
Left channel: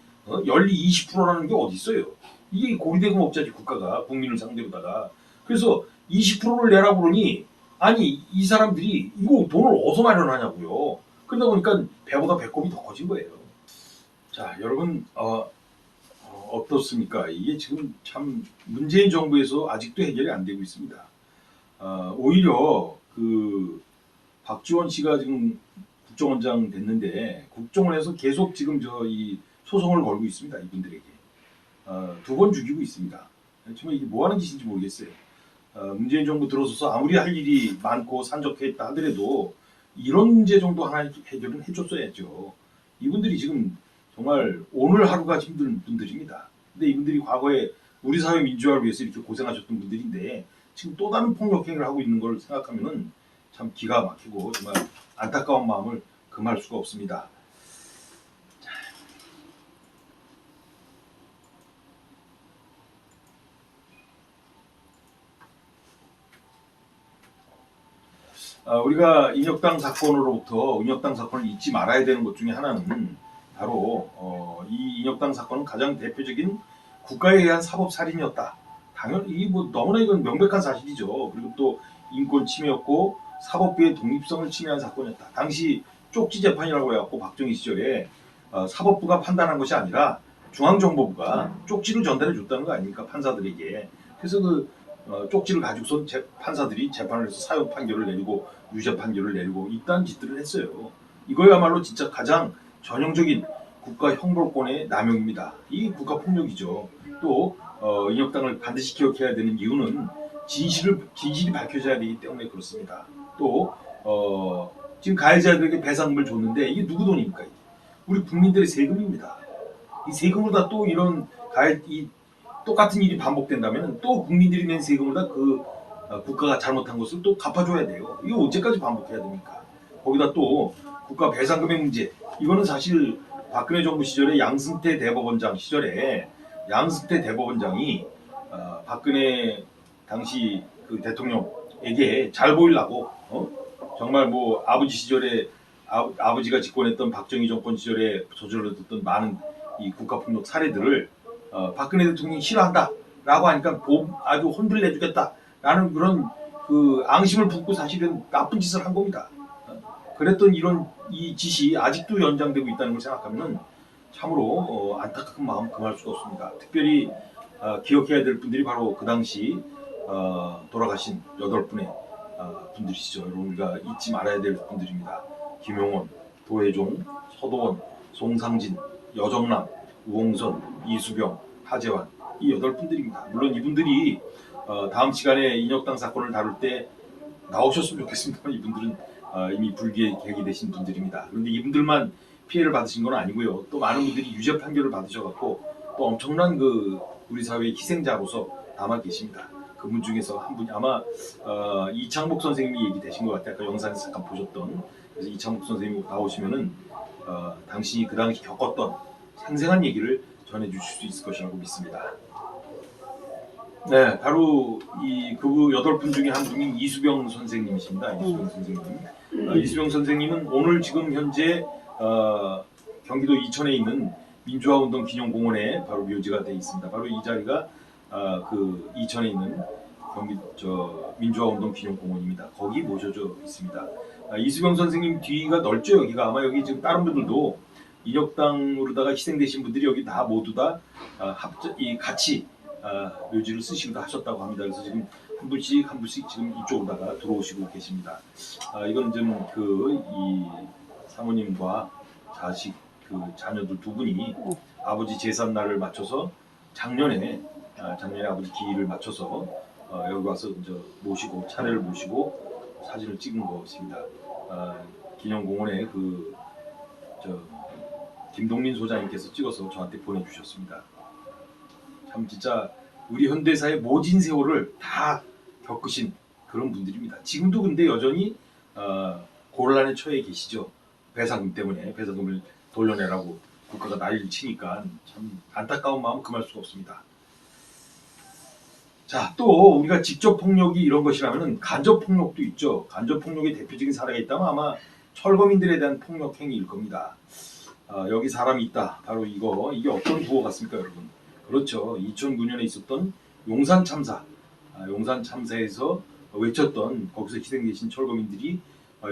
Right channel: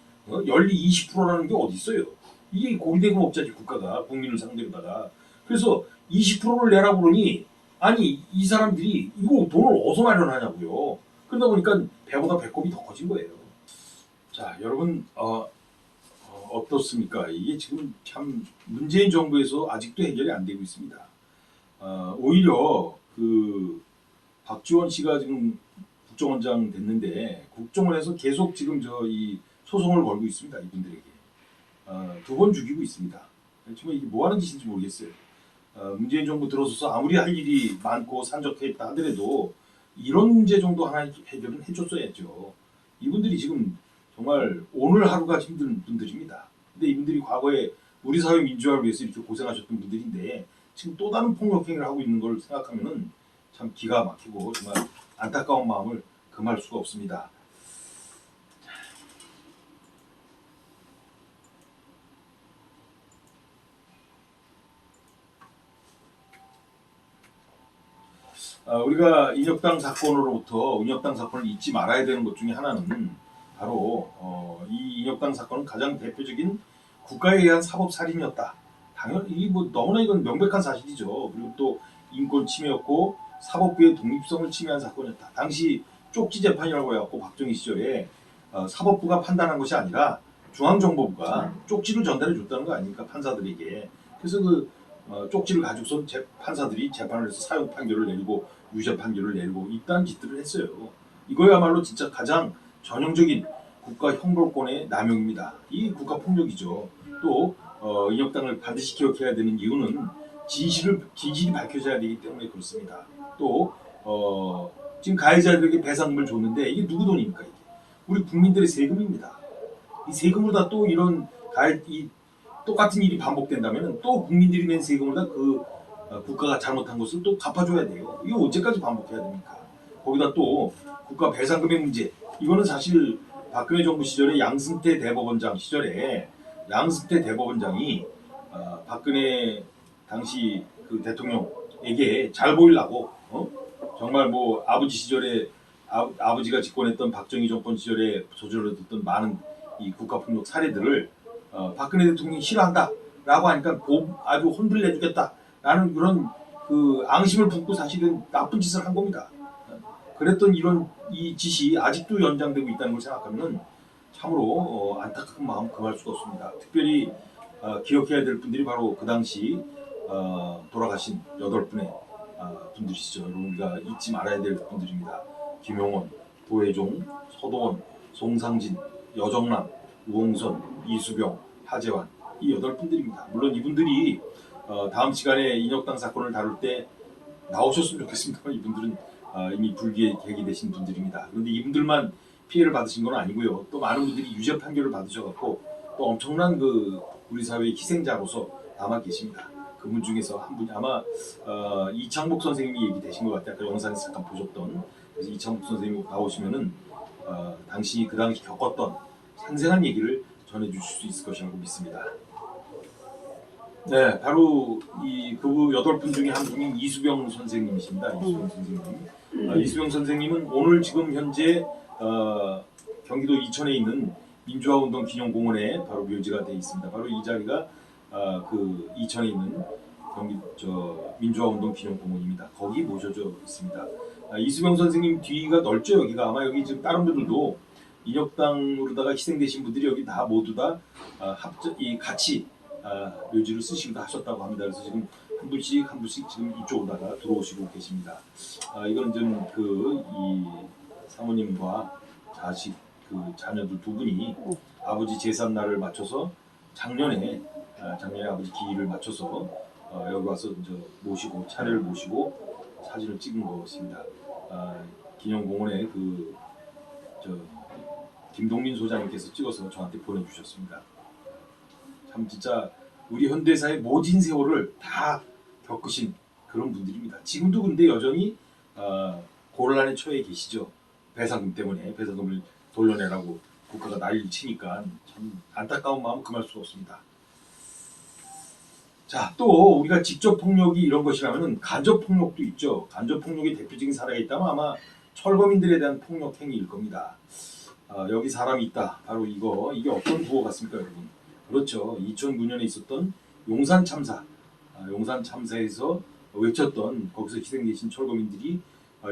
연리 20%라는 게 어디 있어요? 이게 고리대금업자지 국가가 국민을 상대로다가. 그래서 20%를 내라고 그러니 아니 이 사람들이 이거 돈을 어디서 마련하냐고요. 그러다 보니까 배보다 배꼽이 더 커진 거예요. 자 여러분 어떻습니까? 이게 지금 참 문재인 정부에서 아직도 해결이 안 되고 있습니다. 오히려 그 박지원 씨가 지금 국정원장 됐는데 국정원에서 계속 지금 이 소송을 걸고 있습니다. 이분들에게 2번 죽이고 있습니다. 정말 이게 뭐 하는 짓인지 모르겠어요. 문재인 정부 들어서서 아무리 할 일이 많고 산적했다 하더라도 이런 문제 정도 하나 해결은 해줬어야죠. 이분들이 지금 정말 오늘 하루가 힘든 분들입니다. 근데 이분들이 과거에 우리 사회 민주화를 위해서 이렇게 고생하셨던 분들인데 지금 또 다른 폭력행위를 하고 있는 걸 생각하면은 참 기가 막히고 정말 안타까운 마음을 금할 수가 없습니다. 우리가 인혁당 사건을 잊지 말아야 되는 것 중에 하나는 바로 이 인혁당 사건은 가장 대표적인 국가에 의한 사법 살인이었다. 당연히 너무나 이건 명백한 사실이죠. 그리고 또 인권 침해였고 사법부의 독립성을 침해한 사건이었다. 당시 쪽지 재판이라고 해갖고 박정희 시절에 사법부가 판단한 것이 아니라 중앙정보부가 쪽지를 전달해 줬다는 거 아닙니까 판사들에게. 그래서 쪽지를 가지고선 판사들이 재판을 해서 사형 판결을 내리고 유죄 판결을 내리고 이딴 짓들을 했어요. 이거야말로 진짜 가장 전형적인 국가 형벌권의 남용입니다. 이 국가 폭력이죠. 또 인혁당을 반드시 기억해야 되는 이유는 진실이 밝혀져야 되기 때문에 그렇습니다. 또 지금 가해자들에게 배상금을 줬는데 이게 누구 돈입니까? 이게 우리 국민들의 세금입니다. 이 세금으로 다 또 이런 똑같은 일이 반복된다면 또 국민들이 낸 세금을 다 국가가 잘못한 것을 또 갚아줘야 돼요. 이거 언제까지 반복해야 됩니까? 거기다 또 국가 배상금의 문제. 이거는 사실 박근혜 정부 시절에 양승태 대법원장 시절에 양승태 대법원장이 박근혜 당시 그 대통령 국민에게 잘 보이려고 정말 뭐 아버지 시절에 아버지가 집권했던 박정희 정권 시절에 저질렀던 많은 이 국가폭력 사례들을 박근혜 대통령이 싫어한다라고 하니까 아주 혼쭐내주겠다라는 그런 그 앙심을 품고 사실은 나쁜 짓을 한 겁니다. 그랬던 이런 이 짓이 아직도 연장되고 있다는 걸 생각하면 참으로 안타까운 마음 금할 수가 없습니다. 특별히 기억해야 될 분들이 바로 그 당시 돌아가신 8분의 분들이시죠. 우리가 잊지 말아야 될 분들입니다. 김용원, 도혜종, 서도원, 송상진, 여정남, 우홍선, 이수병, 하재환 이 8분들입니다. 물론 이분들이 다음 시간에 인혁당 사건을 다룰 때 나오셨으면 좋겠습니다만 이분들은 이미 불기획이 되신 분들입니다. 그런데 이분들만 피해를 받으신 건 아니고요. 또 많은 분들이 유죄 판결을 받으셔갖고 또 엄청난 그 우리 사회의 희생자로서 남아 계십니다. 그분 중에서 한 분이 아마 이창복 선생님이 얘기되신 것 같아요. 아까 영상에서 잠깐 보셨던. 그래서 이창복 선생님 나오시면은 당시 그 당시 겪었던 생생한 얘기를 전해주실 수 있을 것이라고 믿습니다. 네, 바로 그 8분 중에 한 분이 이수병 선생님이십니다. 이수병 선생님. 이수병 선생님은 오늘 지금 현재 경기도 이천에 있는 민주화운동 기념공원에 바로 묘지가 되어 있습니다. 바로 이 자리가 그 이천에 있는 민주화운동 기념공원입니다. 거기 모셔져 있습니다. 이수병 선생님 뒤가 넓죠. 여기가 아마 여기 지금 다른 분들도 인혁당으로다가 희생되신 분들이 여기 다 모두 다 같이 묘지를 쓰시기도 하셨다고 합니다. 그래서 지금 한 분씩 지금 이쪽으로다가 들어오시고 계십니다. 이건 좀 이 사모님과 자녀들 두 분이 아버지 제삿날을 맞춰서 작년에 아버지 기일을 맞춰서 여기 와서 이제 차례를 모시고 사진을 찍은 것입니다. 기념공원에 김동민 소장님께서 찍어서 저한테 보내주셨습니다. 참 진짜 우리 현대사의 모진 세월을 다 겪으신 그런 분들입니다. 지금도 근데 여전히 곤란에 처해 계시죠. 배상금 때문에 배상금을 돌려내라고 국가가 난리를 치니까 참 안타까운 마음 금할 수가 없습니다. 자, 또 우리가 직접 폭력이 이런 것이라면 간접 폭력도 있죠. 간접 폭력의 대표적인 사례가 있다면 아마 철거민들에 대한 폭력 행위일 겁니다. 여기 사람이 있다. 바로 이게 어떤 구호 같습니까, 여러분? 그렇죠. 2009년에 있었던 용산 참사. 용산 참사에서 외쳤던 거기서 희생되신 철거민들이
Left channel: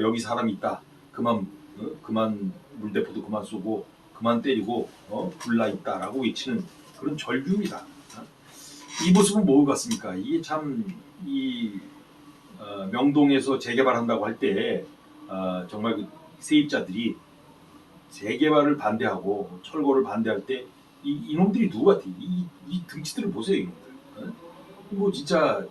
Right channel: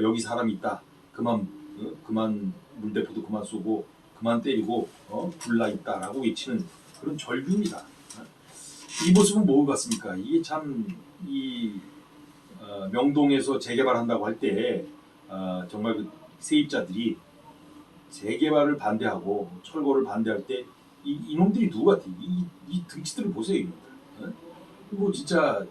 여기 사람이 있다. 그만 물대포도 그만 쏘고 그만 때리고 불나 있다라고 외치는 그런 절규입니다. 이 모습은 뭐 같습니까? 이게 참 명동에서 재개발한다고 할 때 정말 그 세입자들이 재개발을 반대하고 철거를 반대할 때 이놈들이 누구 같아? 이 등치들을 보세요, 이놈들. 뭐 진짜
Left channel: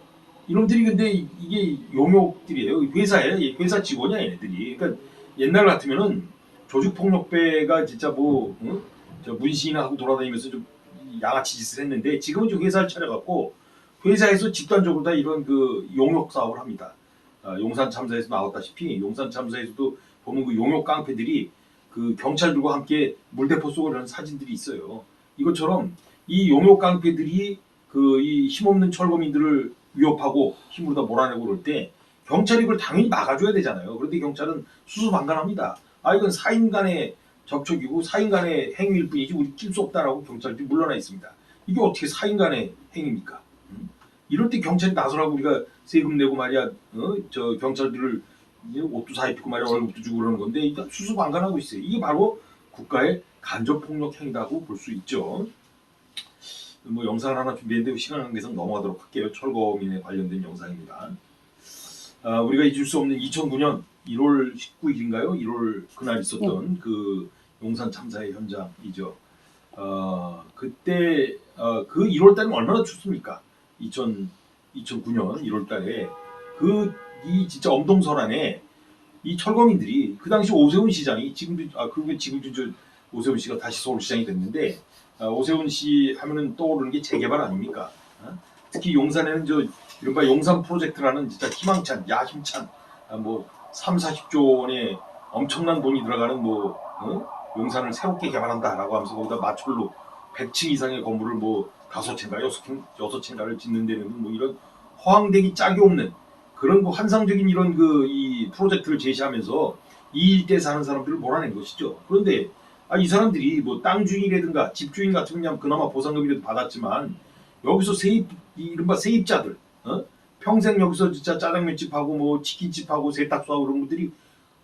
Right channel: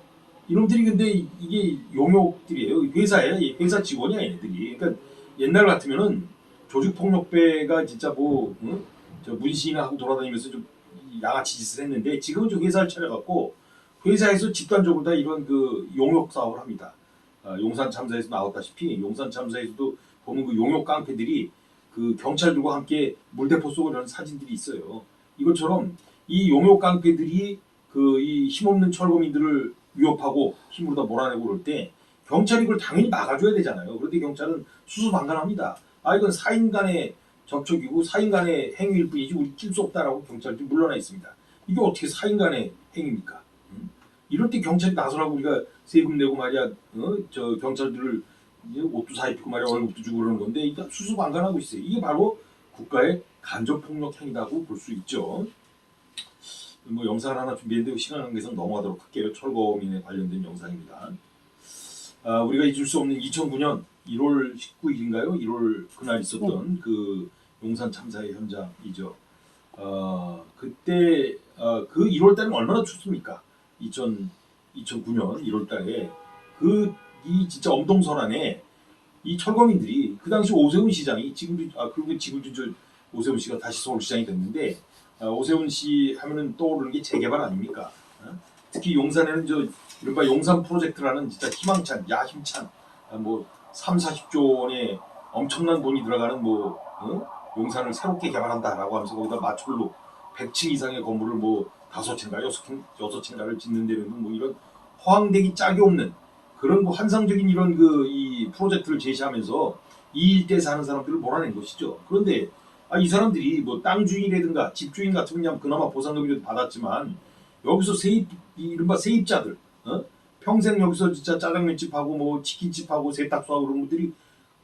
이놈들이 근데 이게 용역들이에요. 회사 직원이야 얘네들이. 그러니까 옛날 같으면은 조직폭력배가 진짜 저 문신이나 하고 돌아다니면서 좀 양아치 짓을 했는데 지금은 좀 회사를 차려갖고 회사에서 집단적으로 다 이런 그 용역 사업을 합니다. 용산 참사에서 나왔다시피 용산 참사에서도 보면 그 용역 깡패들이 그 경찰들과 함께 물대포 쏘고 그런 사진들이 있어요. 이것처럼 이 용역 깡패들이 이 힘없는 철거민들을 위협하고 힘으로 다 몰아내고 그럴 때 경찰이 그걸 당연히 막아줘야 되잖아요. 그런데 경찰은 수수방관합니다. 이건 사인 간의 접촉이고 사인 간의 행위일 뿐이지 우리 낄 수 없다라고 경찰들이 물러나 있습니다. 이게 어떻게 사인 간의 행위입니까? 이럴 때 경찰이 나서라고 우리가 세금 내고 말이야, 저 경찰들을 옷도 사입히고 말이야 월급도 주고 그러는 건데 일단 수수방관하고 있어요. 이게 바로 국가의 간접폭력 행위라고 볼 수 있죠. 뭐 영상을 하나 준비했는데 시간 관계상 넘어가도록 할게요. 철거민에 관련된 영상입니다. 우리가 잊을 수 없는 2009년 1월 19일인가요? 1월 그날 있었던 그 용산 참사의 현장이죠. 그때 그 1월 달은 얼마나 춥습니까? 2009년 1월 달에 이 진짜 엄동설안에 이 철거민들이 그 당시 오세훈 시장이 그리고 지금도 저 오세훈 씨가 다시 서울시장이 됐는데 오세훈 씨 하면은 떠오르는 게 재개발 아닙니까? 특히 용산에는 이른바 용산 프로젝트라는 진짜 희망찬, 야심찬 30-40조 원의 엄청난 돈이 들어가는 용산을 새롭게 개발한다라고 하면서 거기다 마철로 100층 이상의 건물을 5채인가 6채인가를 짓는 데는 이런 허황되기 짝이 없는 그런 뭐 환상적인 이런 그 이 프로젝트를 제시하면서 이 일대에 사는 사람들을 몰아낸 것이죠. 그런데 이 사람들이 뭐 땅 주인이라든가 집 주인 같은 경우는 그나마 보상금이라도 받았지만 여기서 세입 이른바 세입자들 평생 여기서 진짜 짜장면집하고 뭐 치킨집하고 세탁소하고 그런 분들이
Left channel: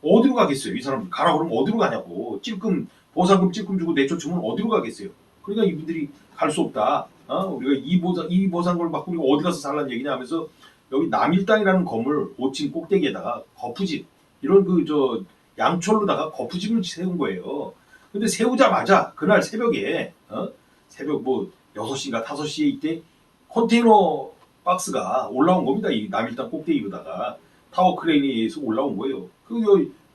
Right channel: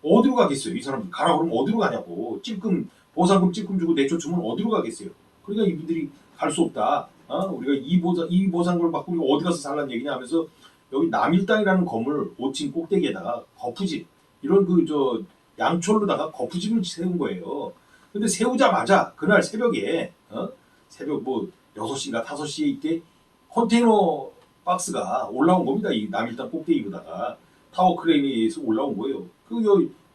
어디로 가겠어요? 이 사람들 가라 그러면 어디로 가냐고. 찔끔 보상금 찔끔 주고 내쫓으면 어디로 가겠어요? 그러니까 이분들이 갈 수 없다. 우리가 이 보상금을 받고 우리가 어디 가서 살란 얘기냐 하면서 여기 남일당이라는 건물 5층 꼭대기에다가 거푸집 이런 그 저 양철로다가 거푸집을 세운 거예요. 근데 세우자마자 그날 새벽에 새벽 뭐 6시인가 5시에 이때 컨테이너 박스가 올라온 겁니다. 이 남일당 꼭대기로다가 타워 크레인에 의해서 올라온 거예요.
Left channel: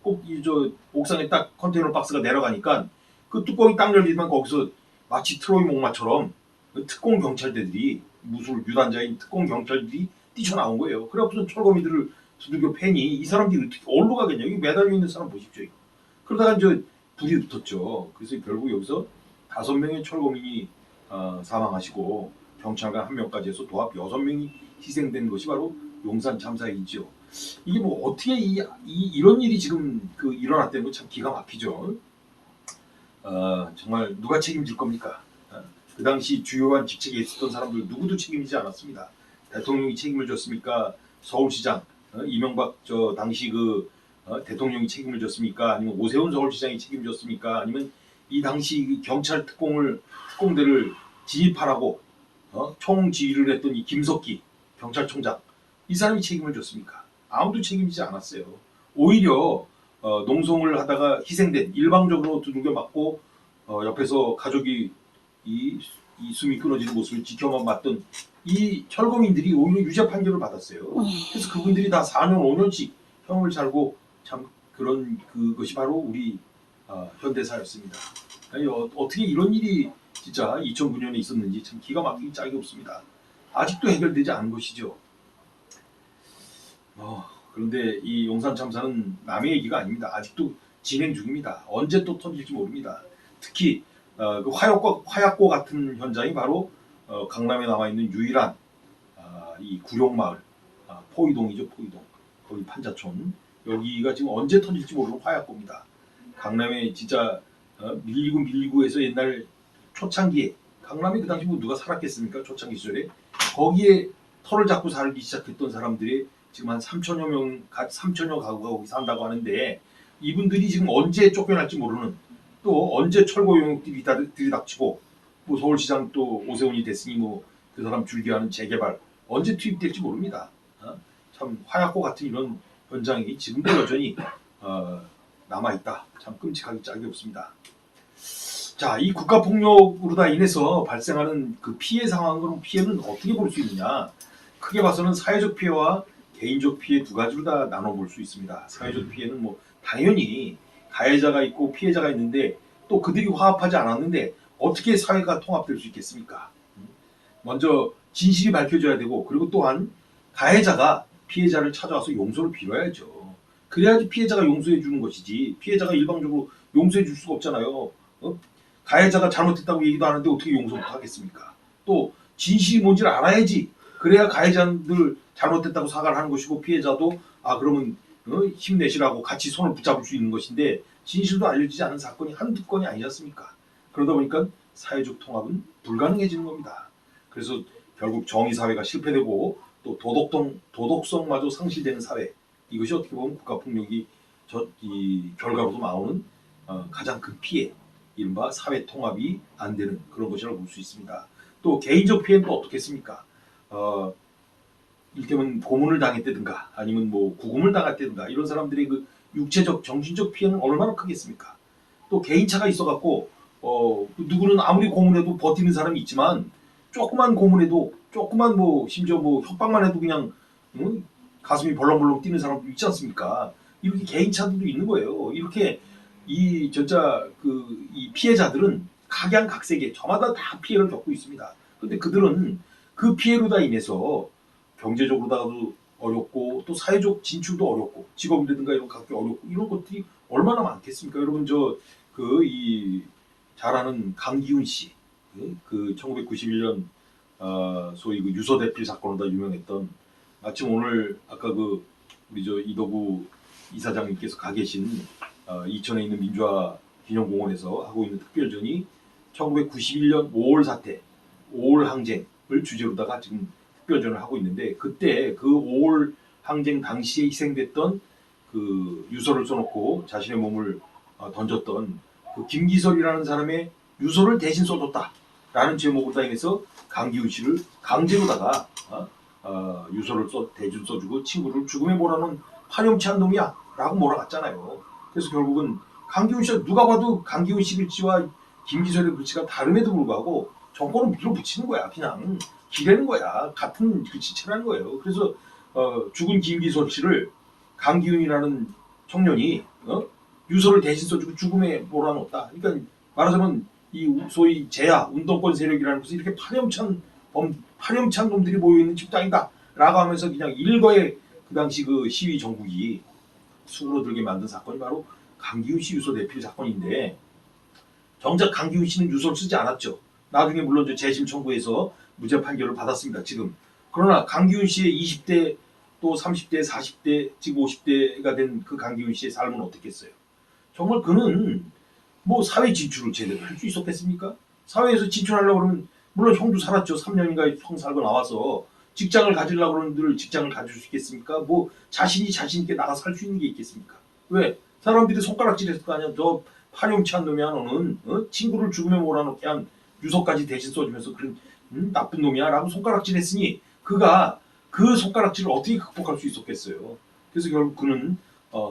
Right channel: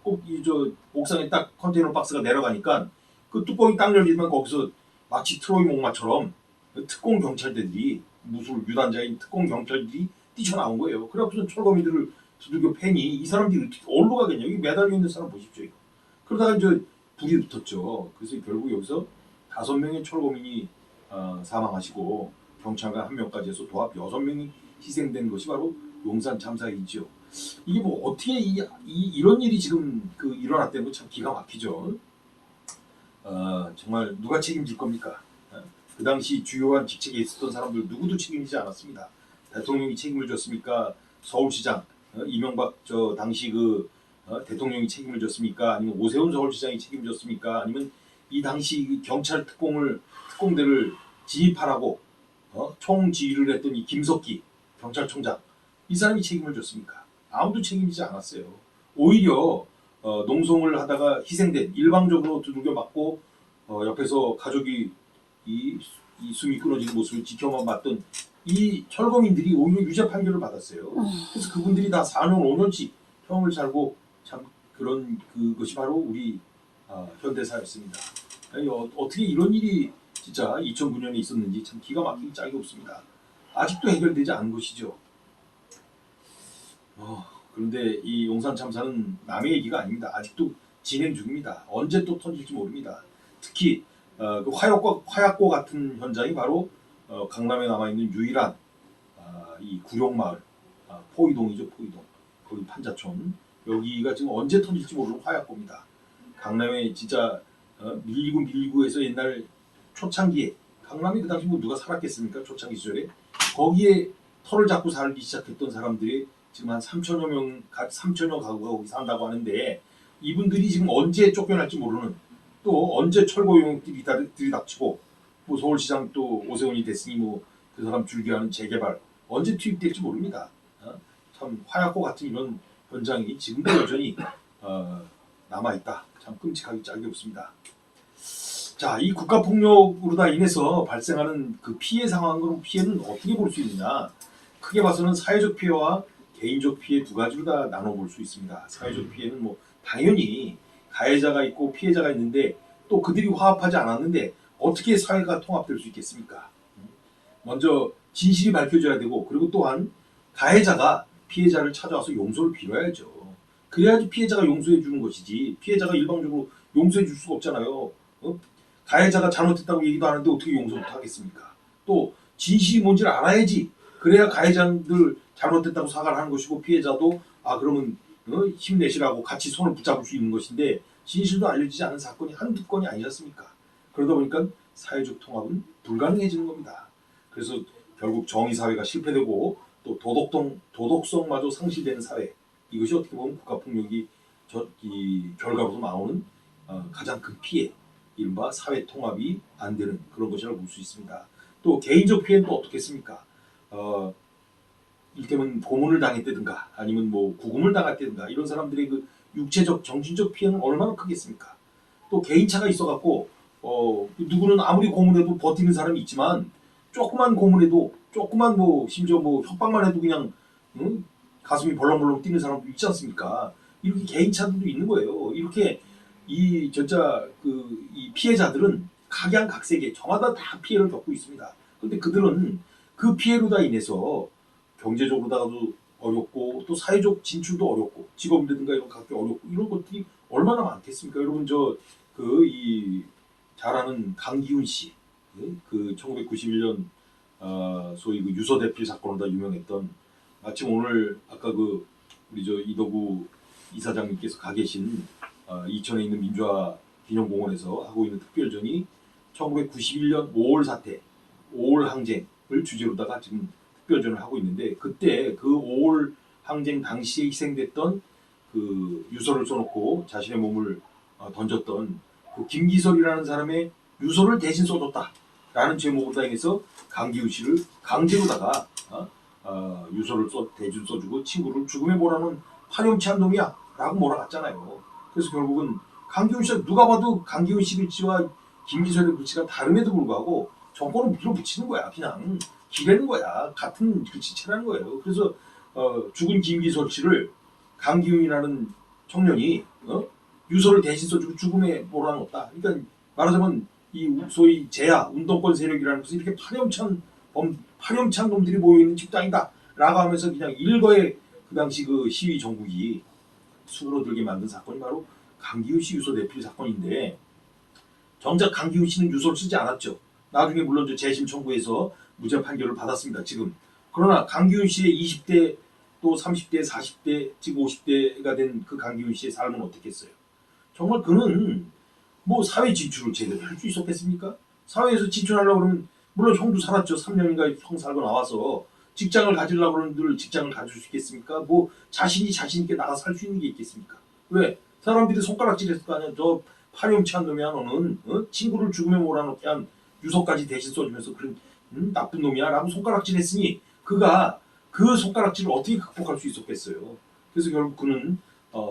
꼭이저 옥상에 딱 컨테이너 박스가 내려가니까 그 뚜껑이 딱 열리면 거기서 마치 트로이 목마처럼 특공 경찰대들이 무술 유단자인 특공 경찰들이 뛰쳐나온 거예요. 그래갖고서 철거민들을 두들겨 패니 이 사람들이 어떻게 어디로 가겠냐. 여기 매달려 있는 사람 보십시오. 그러다가 이제 불이 붙었죠. 그래서 결국 여기서 5명의 철거민이 사망하시고 경찰관 1명까지 해서 도합 6명이 희생된 것이 바로 용산 참사이죠. 이게 뭐 어떻게 이런 일이 지금 그 일어났다는 거 참 기가 막히죠. 정말 누가 책임질 겁니까? 그 당시 주요한 직책에 있었던 사람들 누구도 책임지지 않았습니다. 대통령이 책임을 졌습니까? 서울시장 이명박 저 당시 그 대통령이 책임을 졌습니까? 아니면 오세훈 서울시장이 책임졌습니까? 아니면 이 당시 경찰 특공대를 진입하라고 총지휘를 했던 이 김석기 경찰청장 이 사람이 책임을 졌습니까? 아무도 책임지지 않았어요. 오히려 농성을 하다가 희생된 일방적으로 두들겨 맞고 옆에서 가족이 이 숨이 끊어지는 모습을 지켜만 봤던 이 철거민들이 오히려 유죄 판결을 받았어요. 그래서 그분들이 다 4년 5년씩 형을 살고 참 그런 그것이 바로 우리 현대사였습니다. 어떻게 이런 일이 진짜 2009년에 있었는지 참 기가 막히기 짝이 없습니다. 아직도 해결되지 않은 것이죠. 그런데 이 용산 참사는 남의 얘기가 아닙니다. 아직도 진행 중입니다. 언제 또 터질지 모릅니다. 특히 그 화약고 같은 현장이 바로 강남에 남아 있는 유일한 이 구룡마을 포이동이죠. 포이동 거기 판자촌 여기가 지금 언제 터질지 모르는 화약고입니다. 강남에 진짜 밀리고 해서 옛날 초창기에 강남에 그 당시 뭐 누가 살았겠습니까? 초창기 시절에 거기에 터를 잡고 살기 시작했던 사람들이 지금 한 3천여 가구가 거기 산다고 하는데 이분들이 지금 언제 쫓겨날지 모르는 또 언제 철거 용역들이 들이닥치고 뭐 서울시장 또 오세훈이 됐으니 뭐 그 사람 줄기하는 재개발 언제 투입될지 모릅니다. 참 화약고 같은 이런 현장이 지금도 여전히 남아있다. 참 끔찍하기 짝이 없습니다. 자, 이 국가폭력으로 다 인해서 발생하는 그 피해 상황으로 피해는 어떻게 볼 수 있느냐? 크게 봐서는 사회적 피해와 개인적 피해 두 가지로 다 나눠볼 수 있습니다. 사회적 피해는 뭐 당연히 가해자가 있고 피해자가 있는데 또 그들이 화합하지 않았는데 어떻게 사회가 통합될 수 있겠습니까? 먼저 진실이 밝혀져야 되고 그리고 또한 가해자가 피해자를 찾아와서 용서를 빌어야죠. 그래야지 피해자가 용서해 주는 것이지 피해자가 일방적으로 용서해 줄 수가 없잖아요. 가해자가 잘못했다고 얘기도 하는데 어떻게 용서를 하겠습니까? 또 진실이 뭔지를 알아야지. 그래야 가해자들 잘못했다고 사과를 하는 것이고 피해자도 그러면 힘내시라고 같이 손을 붙잡을 수 있는 것인데 진실도 알려지지 않은 사건이 한두 건이 아니지 않습니까? 그러다 보니까 사회적 통합은 불가능해지는 겁니다. 그래서 결국 정의사회가 실패되고 또 도덕성마저 상실되는 사회 이것이 어떻게 보면 국가폭력이 이 결과로도 나오는 가장 큰 피해 이른바 사회 통합이 안 되는 그런 것이라고 볼 수 있습니다. 또 개인적 피해는 또 어떻겠습니까? 일테면 고문을 당했다든가 아니면 뭐 구금을 당했다든가 이런 사람들의 그 육체적 정신적 피해는 얼마나 크겠습니까? 또 개인차가 있어갖고 누구는 아무리 고문해도 버티는 사람이 있지만 조그만 고문해도 조그만 뭐 심지어 뭐 협박만 해도 그냥 가슴이 벌렁벌렁 뛰는 사람도 있지 않습니까? 이렇게 개인차들도 있는 거예요. 이렇게 이 진짜 이 피해자들은 각양각색의 저마다 다 피해를 겪고 있습니다. 그런데 그들은 그 피해로 다 인해서 경제적으로다가도 어렵고 또 사회적 진출도 어렵고 직업이라든가 이런 갖기 어렵고 이런 것들이 얼마나 많겠습니까? 여러분 이 잘 아는 강기훈 씨, 그 1991년 소위 그 유서대필 사건으로 다 유명했던 마침 오늘 아까 그 우리 저 이덕우 이사장님께서 가 계신 이천에 있는 민주화 기념공원에서 하고 있는 특별전이 1991년 5월 사태, 5월 항쟁을 주제로다가 지금 특별전을 하고 있는데, 그때 그 5월 항쟁 당시에 희생됐던 그 유서를 써놓고 자신의 몸을 던졌던 그 김기설이라는 사람의 유서를 대신 써줬다라는 제목으로 인해서 강기훈 씨를 강제로다가 유서를 대신 써주고 친구를 죽음에 몰아넣은 파렴치한 놈이야 라고 몰아갔잖아요. 그래서 결국은 강기훈 씨가 누가 봐도 강기훈 씨 글씨와 김기설의 글씨가 다름에도 불구하고 정권을 밀어붙이는 거야. 그냥 기대는 거야. 같은 글씨체라는 거예요. 그래서 죽은 김기설 씨를 강기훈이라는 청년이 유서를 대신 써주고 죽음에 몰아넣었다. 그러니까 말하자면 이 소위 제야 운동권 세력이라는 것은 이렇게 파렴치한 놈들이 모여있는 집단이다 라고 하면서 그냥 일거에 그 당시 그 시위 정국이 수그러들게 만든 사건이 바로 강기훈 씨 유서 내필 사건인데, 정작 강기훈 씨는 유서를 쓰지 않았죠. 나중에 물론 재심 청구해서 무죄 판결을 받았습니다. 지금. 그러나 강기훈 씨의 20대 또 30대 40대 지금 50대가 된 그 강기훈 씨의 삶은 어떻겠어요? 정말 그는 뭐 사회 진출을 제대로 할 수 있었겠습니까? 사회에서 진출하려고 그러면 물론 형도 살았죠. 3년인가 형 살고 나와서 직장을 가지려고 그러는 늘 직장을 가질 수 있겠습니까? 뭐 자신 있게 나가 살 수 있는 게 있겠습니까? 왜? 사람들이 손가락질했을 거 아니야. 저 파렴치한 놈이야 너는. 친구를 죽음에 몰아넣게 한 유서까지 대신 써주면서 그런 나쁜 놈이야 라고 손가락질했으니 그가 그 손가락질을 어떻게 극복할 수 있었겠어요. 그래서 결국 그는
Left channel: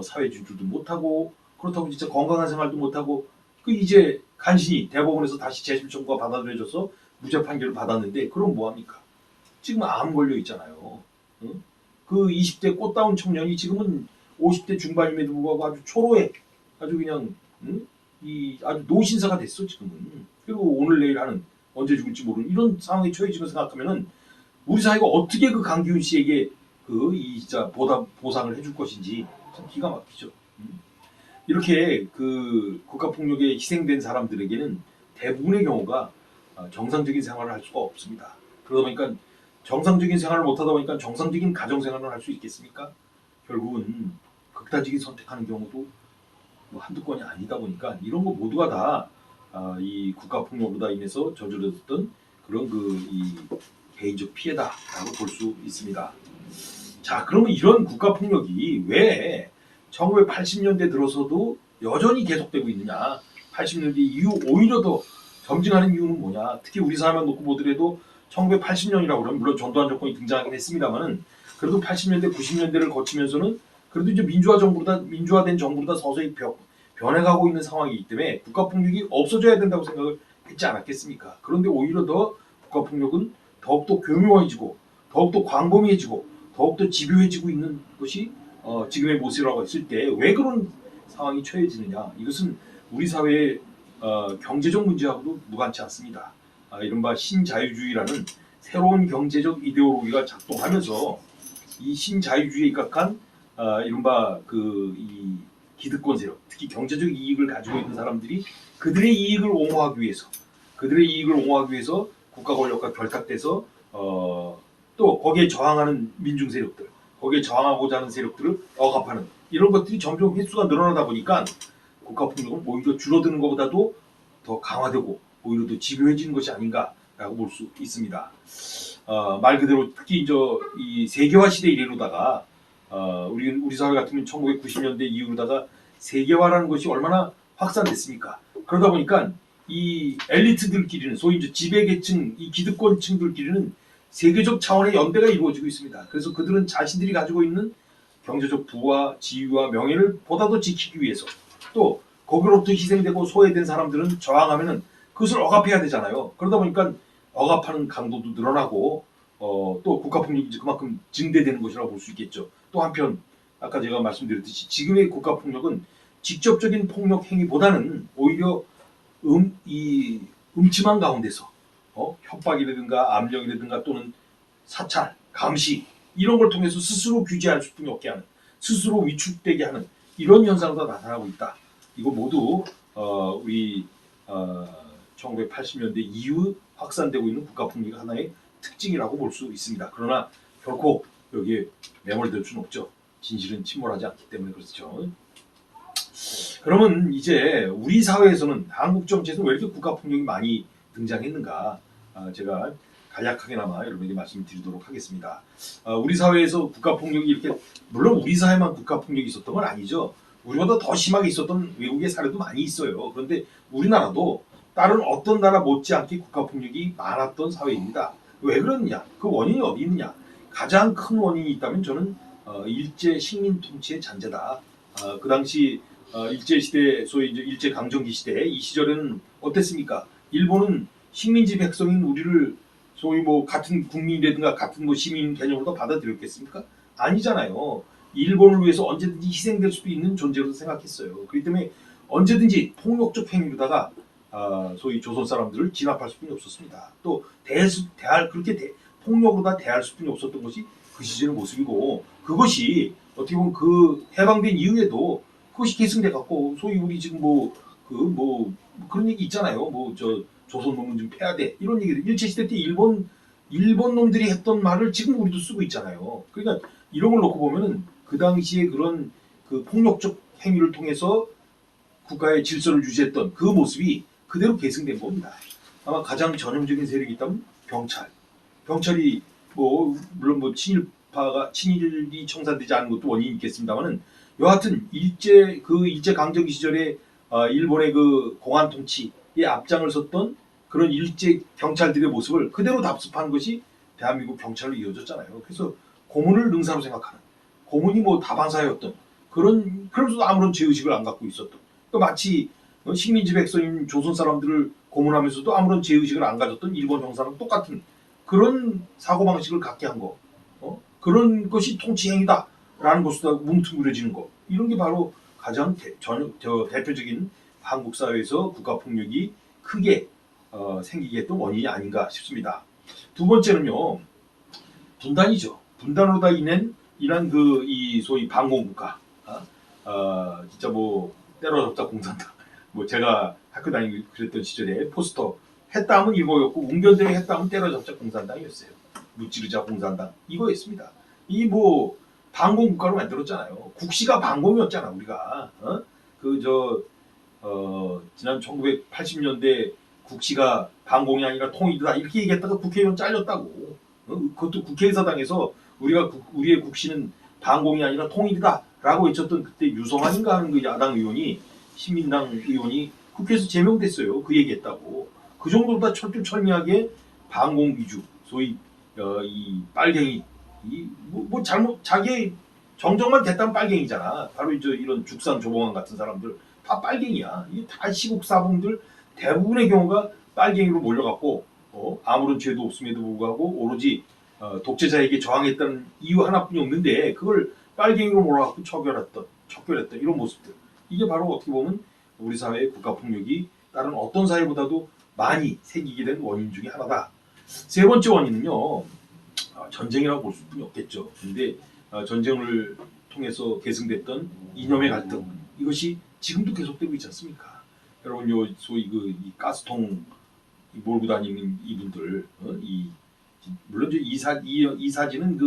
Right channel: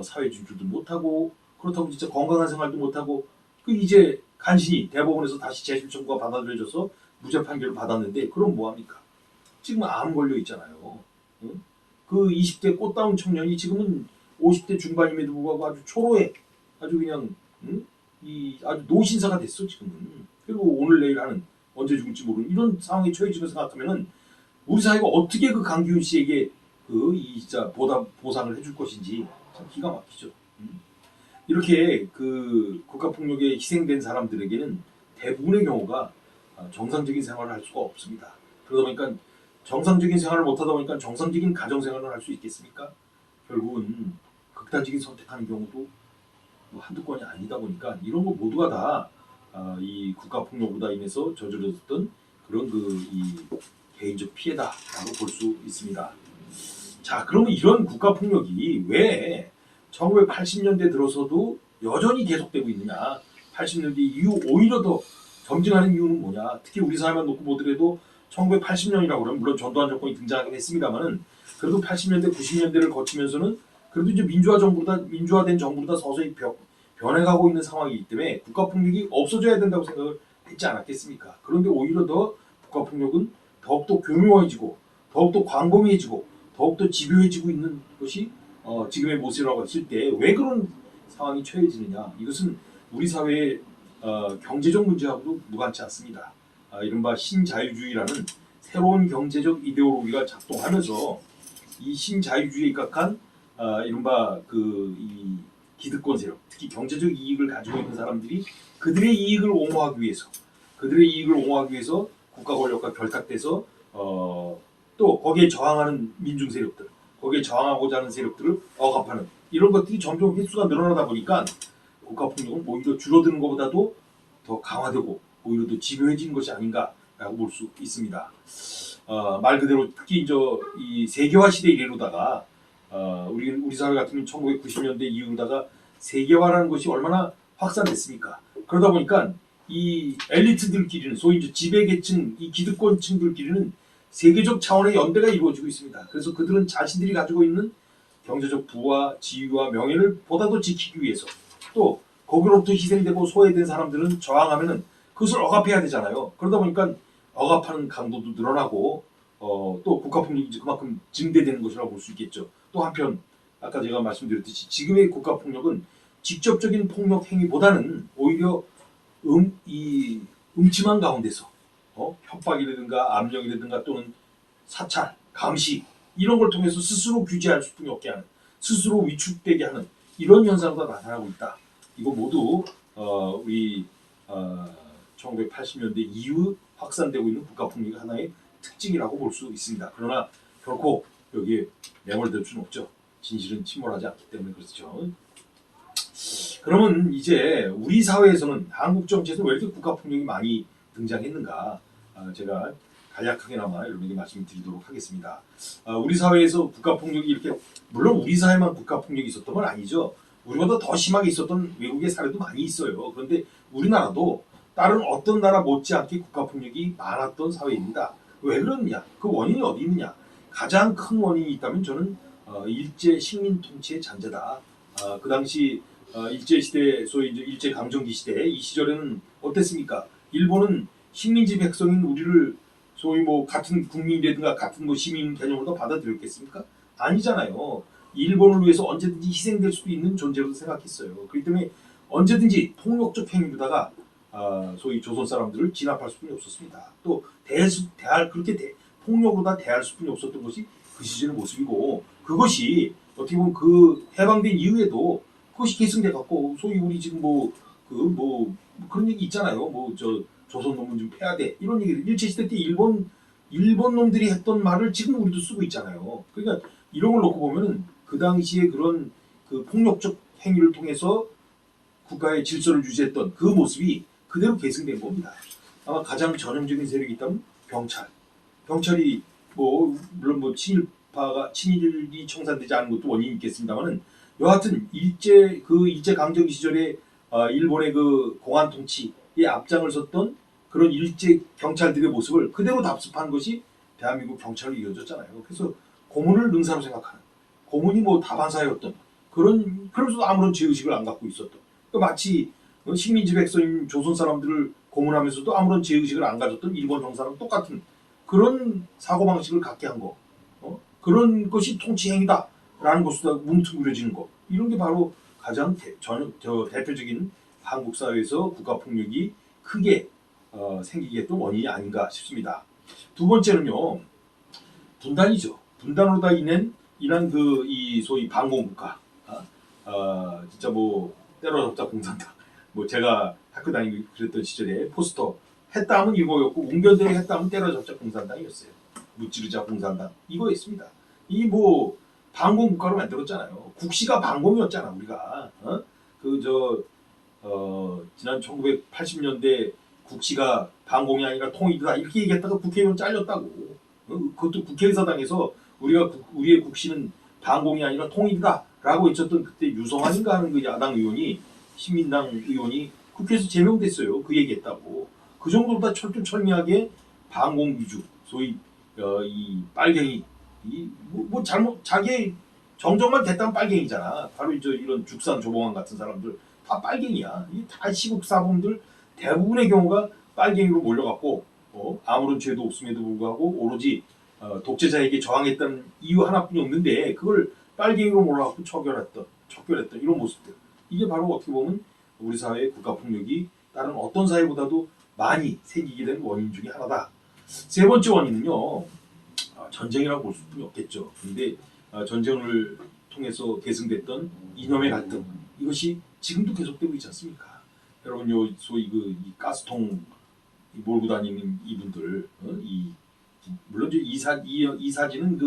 사회 진출도 못하고, 그렇다고 진짜 건강한 생활도 못하고, 그 이제 간신히 대법원에서 다시 재심 청구가 받아들여져서 무죄 판결을 받았는데, 그럼 뭐합니까? 지금 암 걸려 있잖아요. 응? 그 20대 꽃다운 청년이 지금은 50대 중반임에도 불구하고 아주 초로해. 아주 그냥 이 아주 노신사가 됐어 지금은. 그리고 오늘 내일 하는, 언제 죽을지 모르는 이런 상황에 처해지고 생각하면은 우리 사회가 어떻게 그 강기훈 씨에게 그 이 진짜 보상을 해줄 것인지 참 기가 막히죠. 이렇게 그 국가폭력에 희생된 사람들에게는 대부분의 경우가 정상적인 생활을 할 수가 없습니다. 그러다 보니까 정상적인 생활을 못하다 보니까 정상적인 가정생활을 할 수 있겠습니까? 결국은 극단적인 선택하는 경우도 뭐 한두 건이 아니다 보니까 이런 거 모두가 다 이 국가폭력으로 인해서 저질렀던 그런 그 이 개인적 피해다라고 볼 수 있습니다. 자, 그러면 이런 국가폭력이 왜 1980년대 들어서도 여전히 계속되고 있느냐? 80년대 이후 오히려 더 점증하는 이유는 뭐냐? 특히 우리 사회만 놓고 보더라도 1980년이라고 그러면 물론 전두환 정권이 등장하긴 했습니다만은 그래도 80년대, 90년대를 거치면서는 그래도 이제 민주화된 정부로다 서서히 변해가고 있는 상황이기 때문에 국가폭력이 없어져야 된다고 생각을 했지 않았겠습니까? 그런데 오히려 더 국가폭력은 더욱더 교묘해지고 더욱더 광범위해지고 더욱더 집요해지고 있는 것이 지금의 모습이라고 했을 때 왜 그런 상황이 처해지느냐? 이것은 우리 사회의 경제적 문제하고도 무관치 않습니다. 이른바 신자유주의라는 새로운 경제적 이데올로기가 작동하면서 이 신자유주의에 입각한 이른바 이 기득권 세력, 특히 경제적 이익을 가지고 있는 사람들이 그들의 이익을 옹호하기 위해서 국가 권력과 결탁돼서 또 거기에 저항하는 민중 세력들, 거기에 저항하고자 하는 세력들을 억압하는 이런 것들이 점점 횟수가 늘어나다 보니까 국가폭력은 오히려 줄어드는 것보다도 더 강화되고 오히려 더 집요해지는 것이 아닌가라고 볼 수 있습니다. 말 그대로 특히 이 세계화 시대 이래로다가 우리 사회 같으면 1990년대 이후로다가 세계화라는 것이 얼마나 확산됐습니까? 그러다 보니까 이 엘리트들끼리는 소위 이제 지배계층, 이 기득권층들끼리는 세계적 차원의 연대가 이루어지고 있습니다. 그래서 그들은 자신들이 가지고 있는 경제적 부와 지위와 명예를 보다 더 지키기 위해서 또 거기로부터 희생되고 소외된 사람들은 저항하면은 그것을 억압해야 되잖아요. 그러다 보니까 억압하는 강도도 늘어나고 또 국가폭력이 그만큼 증대되는 것이라고 볼 수 있겠죠. 또 한편 아까 제가 말씀드렸듯이 지금의 국가폭력은 직접적인 폭력 행위보다는 오히려 이 음침한 가운데서 협박이라든가 압력이라든가 또는 사찰, 감시 이런 걸 통해서 스스로 규제할 수밖에 없게 하는, 스스로 위축되게 하는 이런 현상도 나타나고 있다. 이거 모두 우리 1980년대 이후 확산되고 있는 국가폭력의 하나의 특징이라고 볼 수 있습니다. 그러나 결코 여기에 매몰될 수는 없죠. 진실은 침몰하지 않기 때문에 그렇죠. 그러면 이제 우리 사회에서는 한국 정치에서는 왜 이렇게 국가 폭력이 많이 등장했는가? 제가 간략하게나마 여러분에게 말씀드리도록 하겠습니다. 우리 사회에서 국가 폭력이 이렇게 물론 우리 사회만 국가 폭력이 있었던 건 아니죠. 우리보다 더 심하게 있었던 외국의 사례도 많이 있어요. 그런데 우리나라도 다른 어떤 나라 못지않게 국가 폭력이 많았던 사회입니다. 왜 그러느냐? 그 원인이 어디 있느냐? 가장 큰 원인이 있다면 저는 일제 식민 통치의 잔재다. 그 당시 일제 시대, 소위 이제 일제 강점기 시대 이 시절에는 어땠습니까? 일본은 식민지 백성인 우리를 소위 뭐 같은 국민이라든가 같은 뭐 시민 개념으로 받아들였겠습니까? 아니잖아요. 일본을 위해서 언제든지 희생될 수도 있는 존재로 생각했어요. 그렇기 때문에 언제든지 폭력적 행위로다가 소위 조선 사람들을 진압할 수뿐이 없었습니다. 또 폭력으로 다 대할 수뿐이 없었던 것이 그 시절의 모습이고 그것이 어떻게 보면 그 해방된 이후에도 그것이 계승돼 갖고 소위 우리 지금 그런 얘기 있잖아요. 뭐 저 조선 놈은 좀 패야 돼 이런 얘기들 일제 시대 때 일본 놈들이 했던 말을 지금 우리도 쓰고 있잖아요. 그러니까 이런 걸 놓고 보면은 그 당시에 그런 그 폭력적 행위를 통해서 국가의 질서를 유지했던 그 모습이 그대로 계승된 겁니다. 아마 가장 전형적인 세력이 있다면 경찰이 뭐 물론 뭐 친일이 청산되지 않은 것도 원인이 있겠습니다만은 여하튼 일제 강점기 시절에 일본의 그 공안 통치에 앞장을 섰던 그런 일제 경찰들의 모습을 그대로 답습한 것이 대한민국 경찰로 이어졌잖아요. 그래서 고문을 능사로 생각하는 고문이 뭐 다반사였던 그러면서도 아무런 죄의식을 안 갖고 있었던 마치 식민지 백성인 조선 사람들을 고문하면서도 아무런 죄의식을 안 가졌던 일본 형사랑 똑같은 그런 사고방식을 갖게 한 거. 그런 것이 통치 행위다라는 것으로 뭉뚱그려지는 거. 이런 게 바로 가장 대표적인 한국 사회에서 국가폭력이 크게 생기게 했던 원인이 아닌가 싶습니다. 두 번째는요. 분단이죠. 분단으로 다 인한 이 소위 반공국가. 진짜 뭐 때려잡자 공산당. 뭐 제가 학교 다니고 그랬던 시절에 포스터 했다 하면 이거였고 웅변대회 했다 하면 때려잡자 공산당이었어요. 무찌르자 공산당 이거였습니다. 이 뭐 반공국가로 만들었잖아요. 국시가 반공이었잖아 우리가. 지난 1980년대 국시가 반공이 아니라 통일이다 이렇게 얘기했다가 국회의원 잘렸다고. 그것도 국회의사당에서 우리의 국시는 반공이 아니라 통일이다라고 외쳤던 그때 유성환인가 하는 그 야당 의원이 신민당 의원이 국회에서 제명됐어요. 그 얘기했다고. 그 정도로 다 철두철미하게 반공 위주 소위 이 빨갱이 뭐 잘못 자기 정정만 됐다면 빨갱이잖아. 바로 이런 죽산 조봉환 같은 사람들 다 빨갱이야. 이게 다 시국사범들 대부분의 경우가 빨갱이로 몰려갖고 아무런 죄도 없음에도 불구하고 오로지 독재자에게 저항했다는 이유 하나뿐이 없는데 그걸 빨갱이로 몰아갖고 척결했던 이런 모습들. 이게 바로 어떻게 보면 우리 사회의 국가폭력이 다른 어떤 사회보다도 많이 생기게 된 원인 중에 하나다. 세 번째 원인은요. 전쟁이라고 볼 수뿐이 없겠죠. 근데 전쟁을 통해서 계승됐던 이념의 갈등 이것이 지금도 계속되고 있지 않습니까? 여러분 소위 이 가스통 몰고 다니는 이분들 물론 이 사진은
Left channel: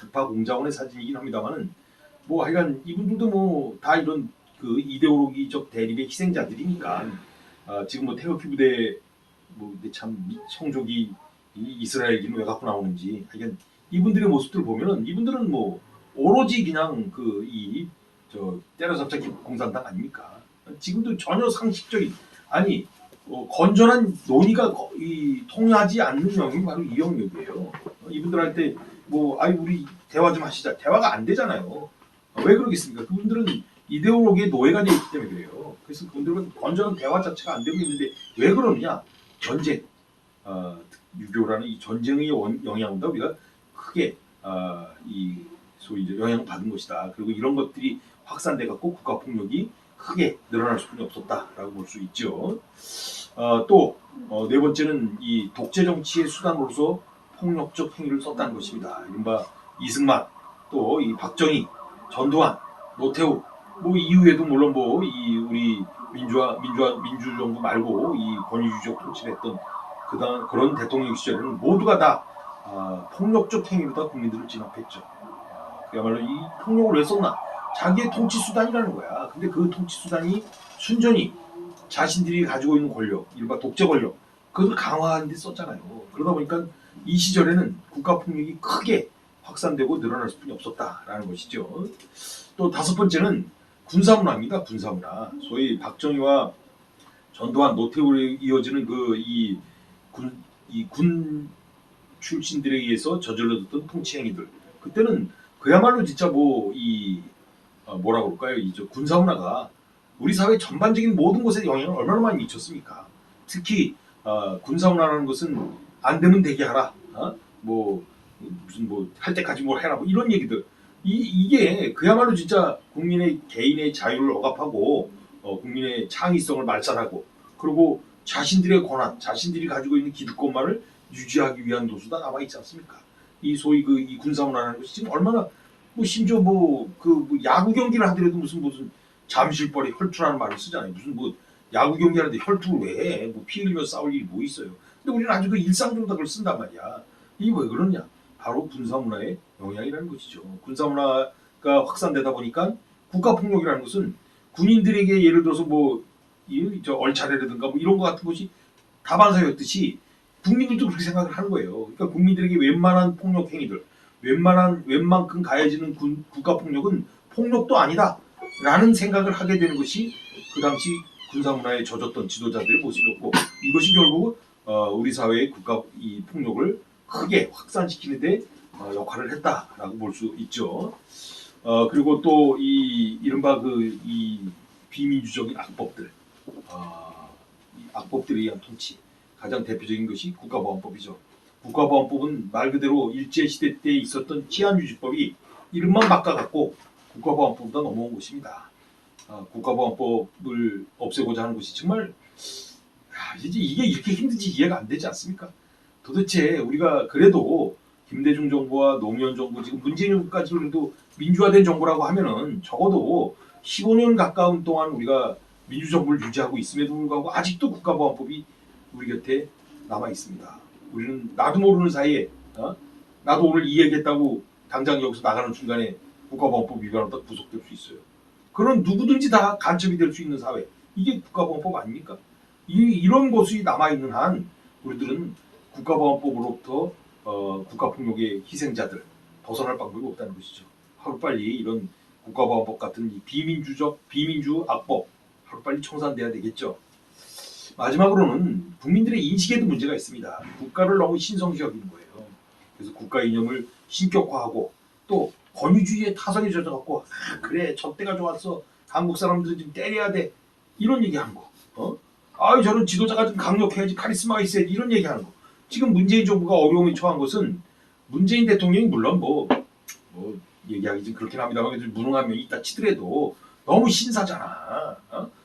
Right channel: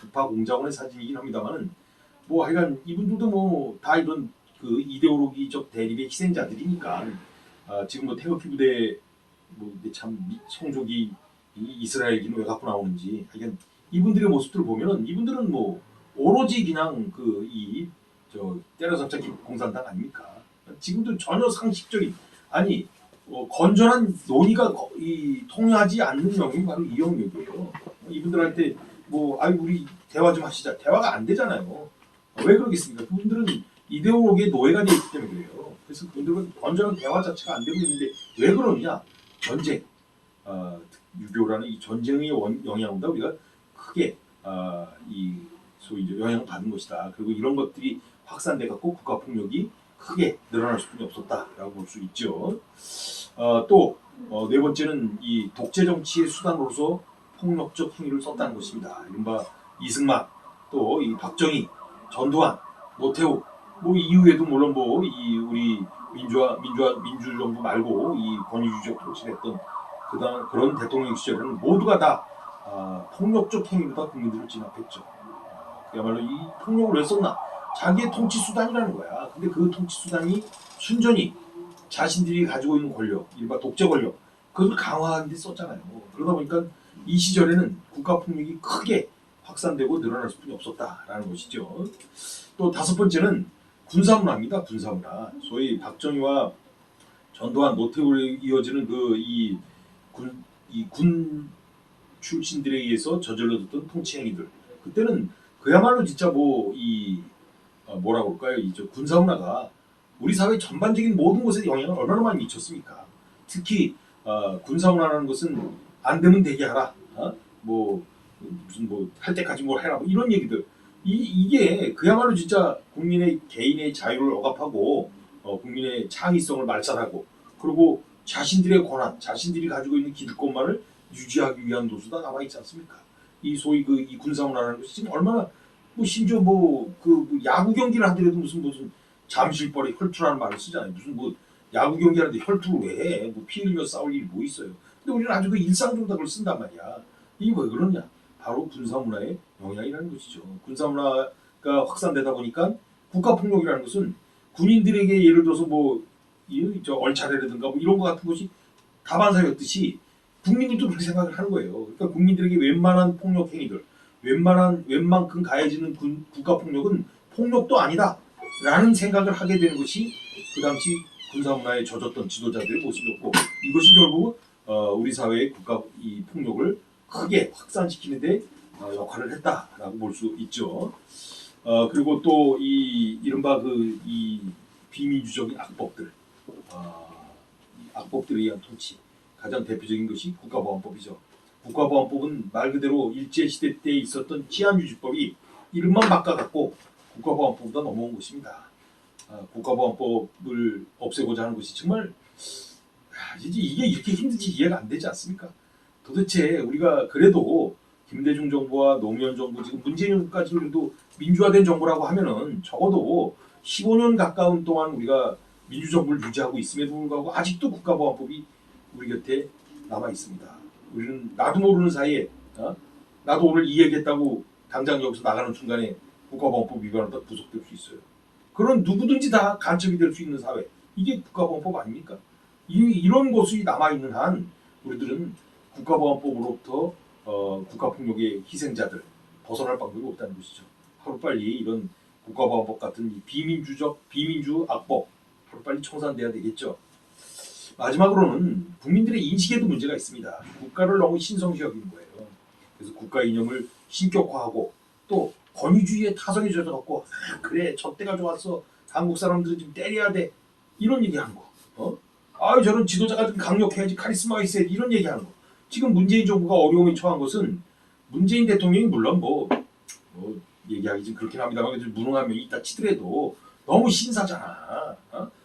북파공작원의 사진이긴 합니다만은 뭐 하여간 이분들도 뭐 다 이런 그 이데올로기적 대립의 희생자들이니까 지금 뭐 태극기 부대 참 성족이 이스라엘인은 왜 갖고 나오는지 하여간 이분들의 모습들을 보면은 이분들은 뭐 오로지 그냥 때려잡자 공산당 아닙니까? 지금도 전혀 상식적인 건전한 논의가 통하지 않는 영역이 바로 이 영역이에요. 이분들한테 우리 대화 좀 하시자. 대화가 안 되잖아요. 왜 그러겠습니까? 그분들은 이데올로기의 노예가 되어 있기 때문에 그래요. 그래서 그분들은 건전한 대화 자체가 안 되고 있는데 왜 그러느냐? 전쟁, 유교라는 이 전쟁의 영향보다 우리가 크게 소위 이제 영향받은 것이다. 그리고 이런 것들이 확산돼 갖고 국가폭력이 크게 늘어날 수밖에 없었다라고 볼 수 있죠. 또 네 번째는 이 독재 정치의 수단으로서 폭력적 행위를 썼다는 것입니다. 이른바 이승만, 또 이 박정희, 전두환, 노태우, 이후에도 물론 우리 민주정부 말고 이 권위주의적 통치를 했던 그런 대통령 시절에는 모두가 다 폭력적 행위로다 국민들을 진압했죠. 그야말로 이 폭력을 왜 썼나? 자기의 통치 수단이라는 거야. 근데 그 통치 수단이 순전히 자신들이 가지고 있는 권력, 일반 독재 권력, 그것을 강화하는 데 썼잖아요. 그러다 보니까 이 시절에는 국가 폭력이 크게 확산되고 늘어날 수뿐이 없었다라는 것이죠. 또 다섯 번째는 군사문화입니다. 군사문화. 소위 박정희와 전두환, 노태우로 이어지는 군 출신들에 의해서 저질러졌던 통치 행위들. 그때는 그야말로 진짜 뭐라 그럴까요? 군사 문화가 우리 사회 전반적인 모든 곳에 영향을 얼마나 많이 미쳤습니까? 특히 군사 문화라는 것은 안 되면 되게 하라. 무슨 할 때까지 뭘 해라. 뭐 이런 얘기들. 이게 그야말로 진짜 국민의 개인의 자유를 억압하고 국민의 창의성을 말살하고 그리고 자신들의 권한, 자신들이 가지고 있는 기득권만을 유지하기 위한 도수다 남아 있지 않습니까? 이 소위 이 군사 문화라는 것이 지금 얼마나 심지어 야구 경기를 하더라도 무슨 잠실벌에 혈투라는 말을 쓰잖아요. 무슨 야구 경기하는데 혈투를 왜 해? 피 흘리며 싸울 일이 뭐 있어요? 근데 우리는 아주 일상적으로 그걸 쓴단 말이야. 이게 왜 그러냐? 바로 군사 문화의 영향이라는 것이죠. 군사 문화가 확산되다 보니까 국가 폭력이라는 것은 군인들에게 예를 들어서 얼차례라든가 이런 것 같은 것이 다반사였듯이 국민들도 그렇게 생각을 하는 거예요. 그러니까 국민들에게 웬만한 폭력 행위들, 웬만큼 가해지는 국가 폭력은 폭력도 아니다라는 생각을 하게 되는 것이 그 당시 군사 문화에 젖었던 지도자들의 모습이었고 이것이 결국 우리 사회의 국가 이 폭력을 크게 확산시키는데 역할을 했다라고 볼 수 있죠. 그리고 또 이 이른바 이 비민주적인 악법들, 이 악법들에 의한 통치. 가장 대표적인 것이 국가보안법이죠. 국가보안법은 말 그대로 일제시대 때 있었던 치안유지법이 이름만 바꿔갖고 국가보안법보다 넘어온 것입니다. 국가보안법을 없애고자 하는 것이 정말 이게 이렇게 힘든지 이해가 안 되지 않습니까? 도대체 우리가 그래도 김대중 정부와 노무현 정부 지금 문재인 정부까지 그래도 민주화된 정부라고 하면은 적어도 15년 가까운 동안 우리가 민주정부를 유지하고 있음에도 불구하고 아직도 국가보안법이 우리 곁에 남아 있습니다. 우리는 나도 모르는 사이에 나도 오늘 이 얘기했다고 당장 여기서 나가는 순간에 국가보안법 위반으로 구속될 수 있어요. 그런 누구든지 다 간첩이 될 수 있는 사회. 이게 국가보안법 아닙니까? 이런 것이 남아 있는 한 우리들은 국가보안법으로부터 국가폭력의 희생자들 벗어날 방법이 없다는 것이죠. 하루빨리 이런 국가보안법 같은 이 비민주 악법 하루빨리 청산돼야 되겠죠. 마지막으로는 국민들의 인식에도 문제가 있습니다. 국가를 너무 신성시 여기는 거예요. 그래서 국가 이념을 신격화하고 또 권위주의에 타선이 젖어갖고 그래 저때가 좋았어 한국 사람들은 좀 때려야 돼 이런 얘기하는 거. 저는 지도자가 좀 강력해야지 카리스마가 있어야지 이런 얘기하는 거. 지금 문재인 정부가 어려움에 처한 것은 문재인 대통령이 물론 얘기하기 좀 그렇긴 합니다만 무능한 면이 있다 치더라도 너무 신사잖아.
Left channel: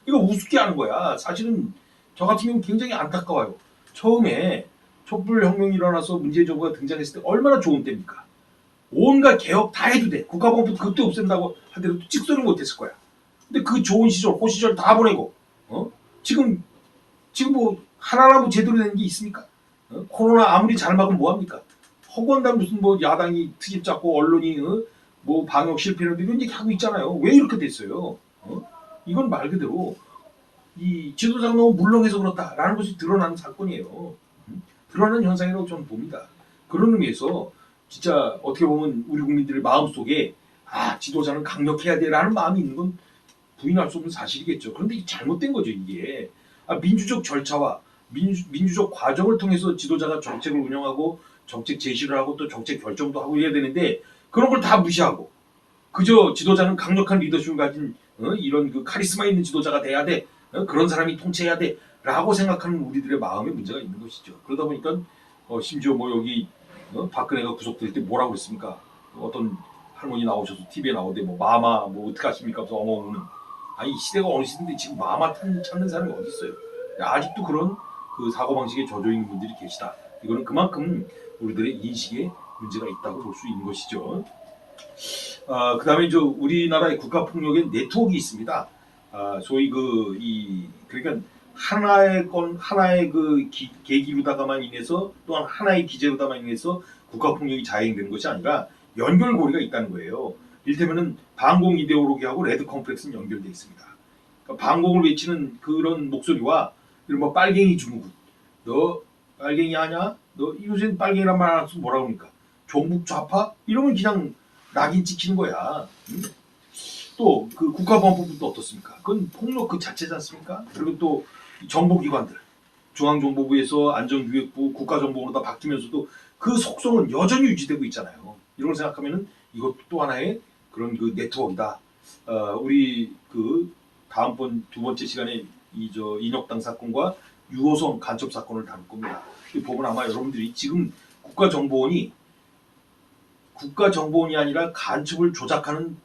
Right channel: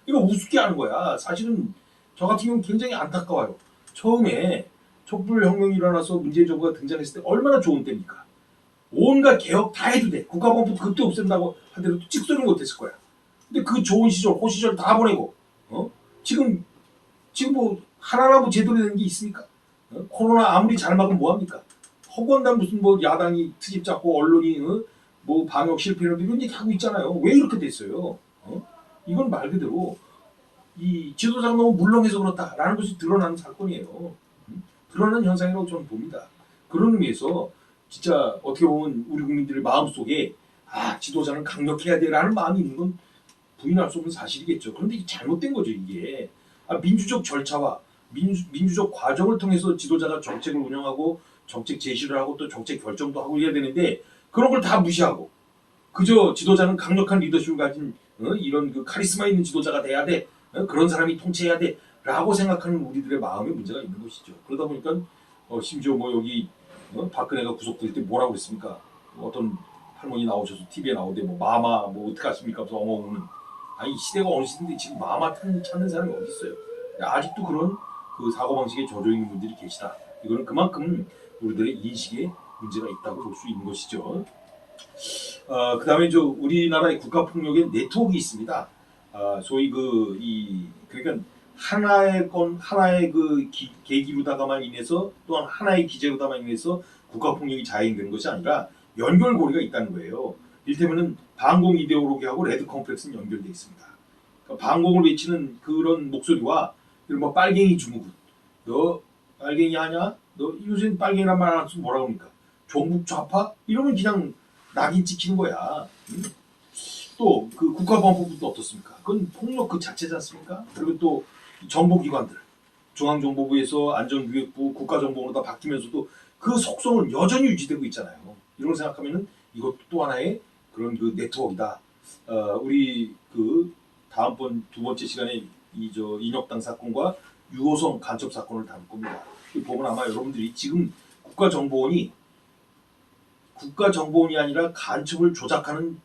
이거 우습게 하는 거야. 사실은 저 같은 경우는 굉장히 안타까워요. 처음에 촛불혁명이 일어나서 문재인 정부가 등장했을 때 얼마나 좋은 때입니까? 온갖 개혁 다 해도 돼. 국가보안법 그때 없앤다고 하더라도 찍소리 못했을 거야. 근데 그 좋은 시절, 호시절 다 보내고 지금 하나라도 제대로 된 게 있습니까? 코로나 아무리 잘 막으면 뭐합니까? 허건당 무슨 야당이 트집 잡고 언론이 방역 실패를 이런 얘기 하고 있잖아요. 왜 이렇게 됐어요? 이건 말 그대로 이 지도자가 너무 물렁해서 그렇다라는 것이 드러나는 사건이에요. 드러나는 현상이라고 저는 봅니다. 그런 의미에서 진짜 어떻게 보면 우리 국민들의 마음속에 지도자는 강력해야 돼라는 마음이 있는 건 부인할 수 없는 사실이겠죠. 그런데 이게 잘못된 거죠. 이게 민주적 절차와 민주적 과정을 통해서 지도자가 정책을 운영하고 정책 제시를 하고 또 정책 결정도 하고 해야 되는데 그런 걸 다 무시하고 그저 지도자는 강력한 리더십을 가진 이런 카리스마 있는 지도자가 돼야 돼. 그런 사람이 통치해야 돼. 라고 생각하는 우리들의 마음에 문제가 있는 것이죠. 그러다 보니까 심지어 여기 박근혜가 구속될 때 뭐라고 그랬습니까? 어떤 할머니 나오셔서 TV에 나오는데 마마 어떡하십니까? 무슨 엉엉 이 시대가 어느 시대인데 지금 마마 찾는 사람이 어디 있어요? 아직도 그런 사고방식에 젖어 있는 분들이 계시다. 이거는 그만큼 우리들의 인식에 문제가 있다고 볼 수 있는 것이죠. 그 다음에 우리나라의 국가폭력의 네트워크가 있습니다. 소위 그러니까 하나의 계기로다가만 인해서 또한 하나의 기제로다만 인해서 국가폭력이 자행되는 것이 아니라 연결고리가 있다는 거예요. 이를테면은 반공 이데올로기하고 레드 컴플렉스는 연결되어 있습니다. 그러니까 반공을 외치는 그런 목소리와 이른바 빨갱이 증후군, 너 빨갱이 하냐? 너 요새 빨갱이란 말 안 쓰면 뭐라고 합니까? 종북 좌파? 이러면 그냥 낙인 찍히는 거야. 또 그 국가보안법도 어떻습니까? 그건 폭력 그 자체지 않습니까? 그리고 또 정보기관들, 중앙정보부에서 안전기획부, 국가정보원으로 다 바뀌면서도 그 속성은 여전히 유지되고 있잖아요. 이런 걸 생각하면은 이것도 또 하나의 그런 그 네트워크다. 우리 그 다음번 두 번째 시간에 이 인혁당 사건과 유호성 간첩 사건을 다룰 겁니다. 이 보면 아마 여러분들이 지금 국가정보원이 아니라 간첩을 조작하는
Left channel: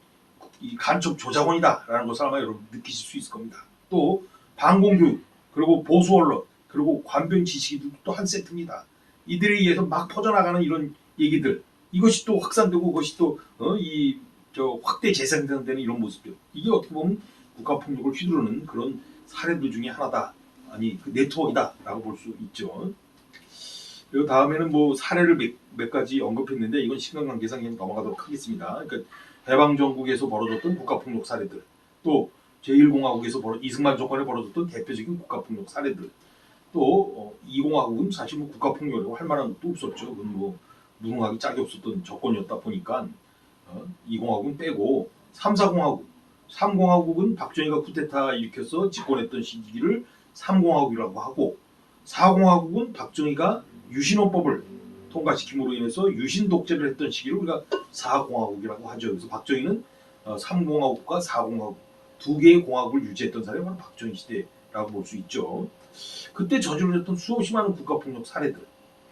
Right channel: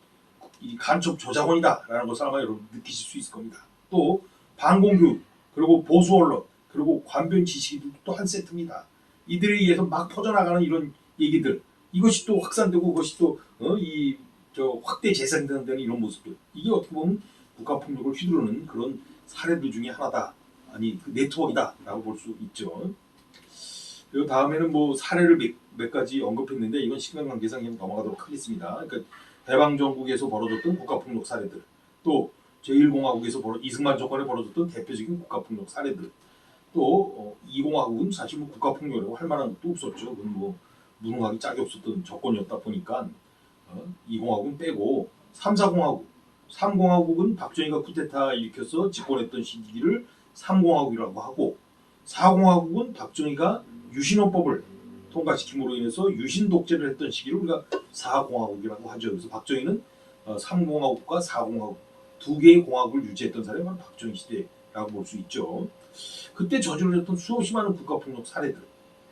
이 간첩 조작원이다라는 것을 아마 여러분 느끼실 수 있을 겁니다. 또 반공교육, 그리고 보수 언론, 그리고 관변 지식이 또 한 세트입니다. 이들에 의해서 막 퍼져나가는 이런 얘기들, 이것이 또 확산되고 그것이 또 확대 재생되는 이런 모습들, 이게 어떻게 보면 국가폭력을 휘두르는 그런 사례들 중에 하나다. 아니 그 네트워크다라고 볼 수 있죠. 그리고 다음에는 뭐 사례를 몇 가지 언급했는데 이건 시간 관계상 그냥 넘어가도록 하겠습니다. 그러니까 해방정국에서 벌어졌던 국가폭력 사례들, 또 제1공화국에서 이승만 정권에 벌어졌던 대표적인 국가폭력 사례들, 또 2공화국은 사실 뭐 국가폭력이라고 할 만한 것도 없었죠. 그건 뭐 무능하기 짝이 없었던 정권이었다 보니까 2공화국은 빼고 3, 4공화국, 3공화국은 박정희가 쿠데타 일으켜서 집권했던 시기를 3공화국이라고 하고 4공화국은 박정희가 유신헌법을 통과시킴으로 인해서 유신 독재를 했던 시기를 우리가 4공화국이라고 하죠. 그래서 박정희는 3공화국과 4공화국 두 개의 공화국을 유지했던 사람이 바로 박정희 시대라고 볼 수 있죠. 그때 저지르셨던 수없이 많은 국가폭력 사례들,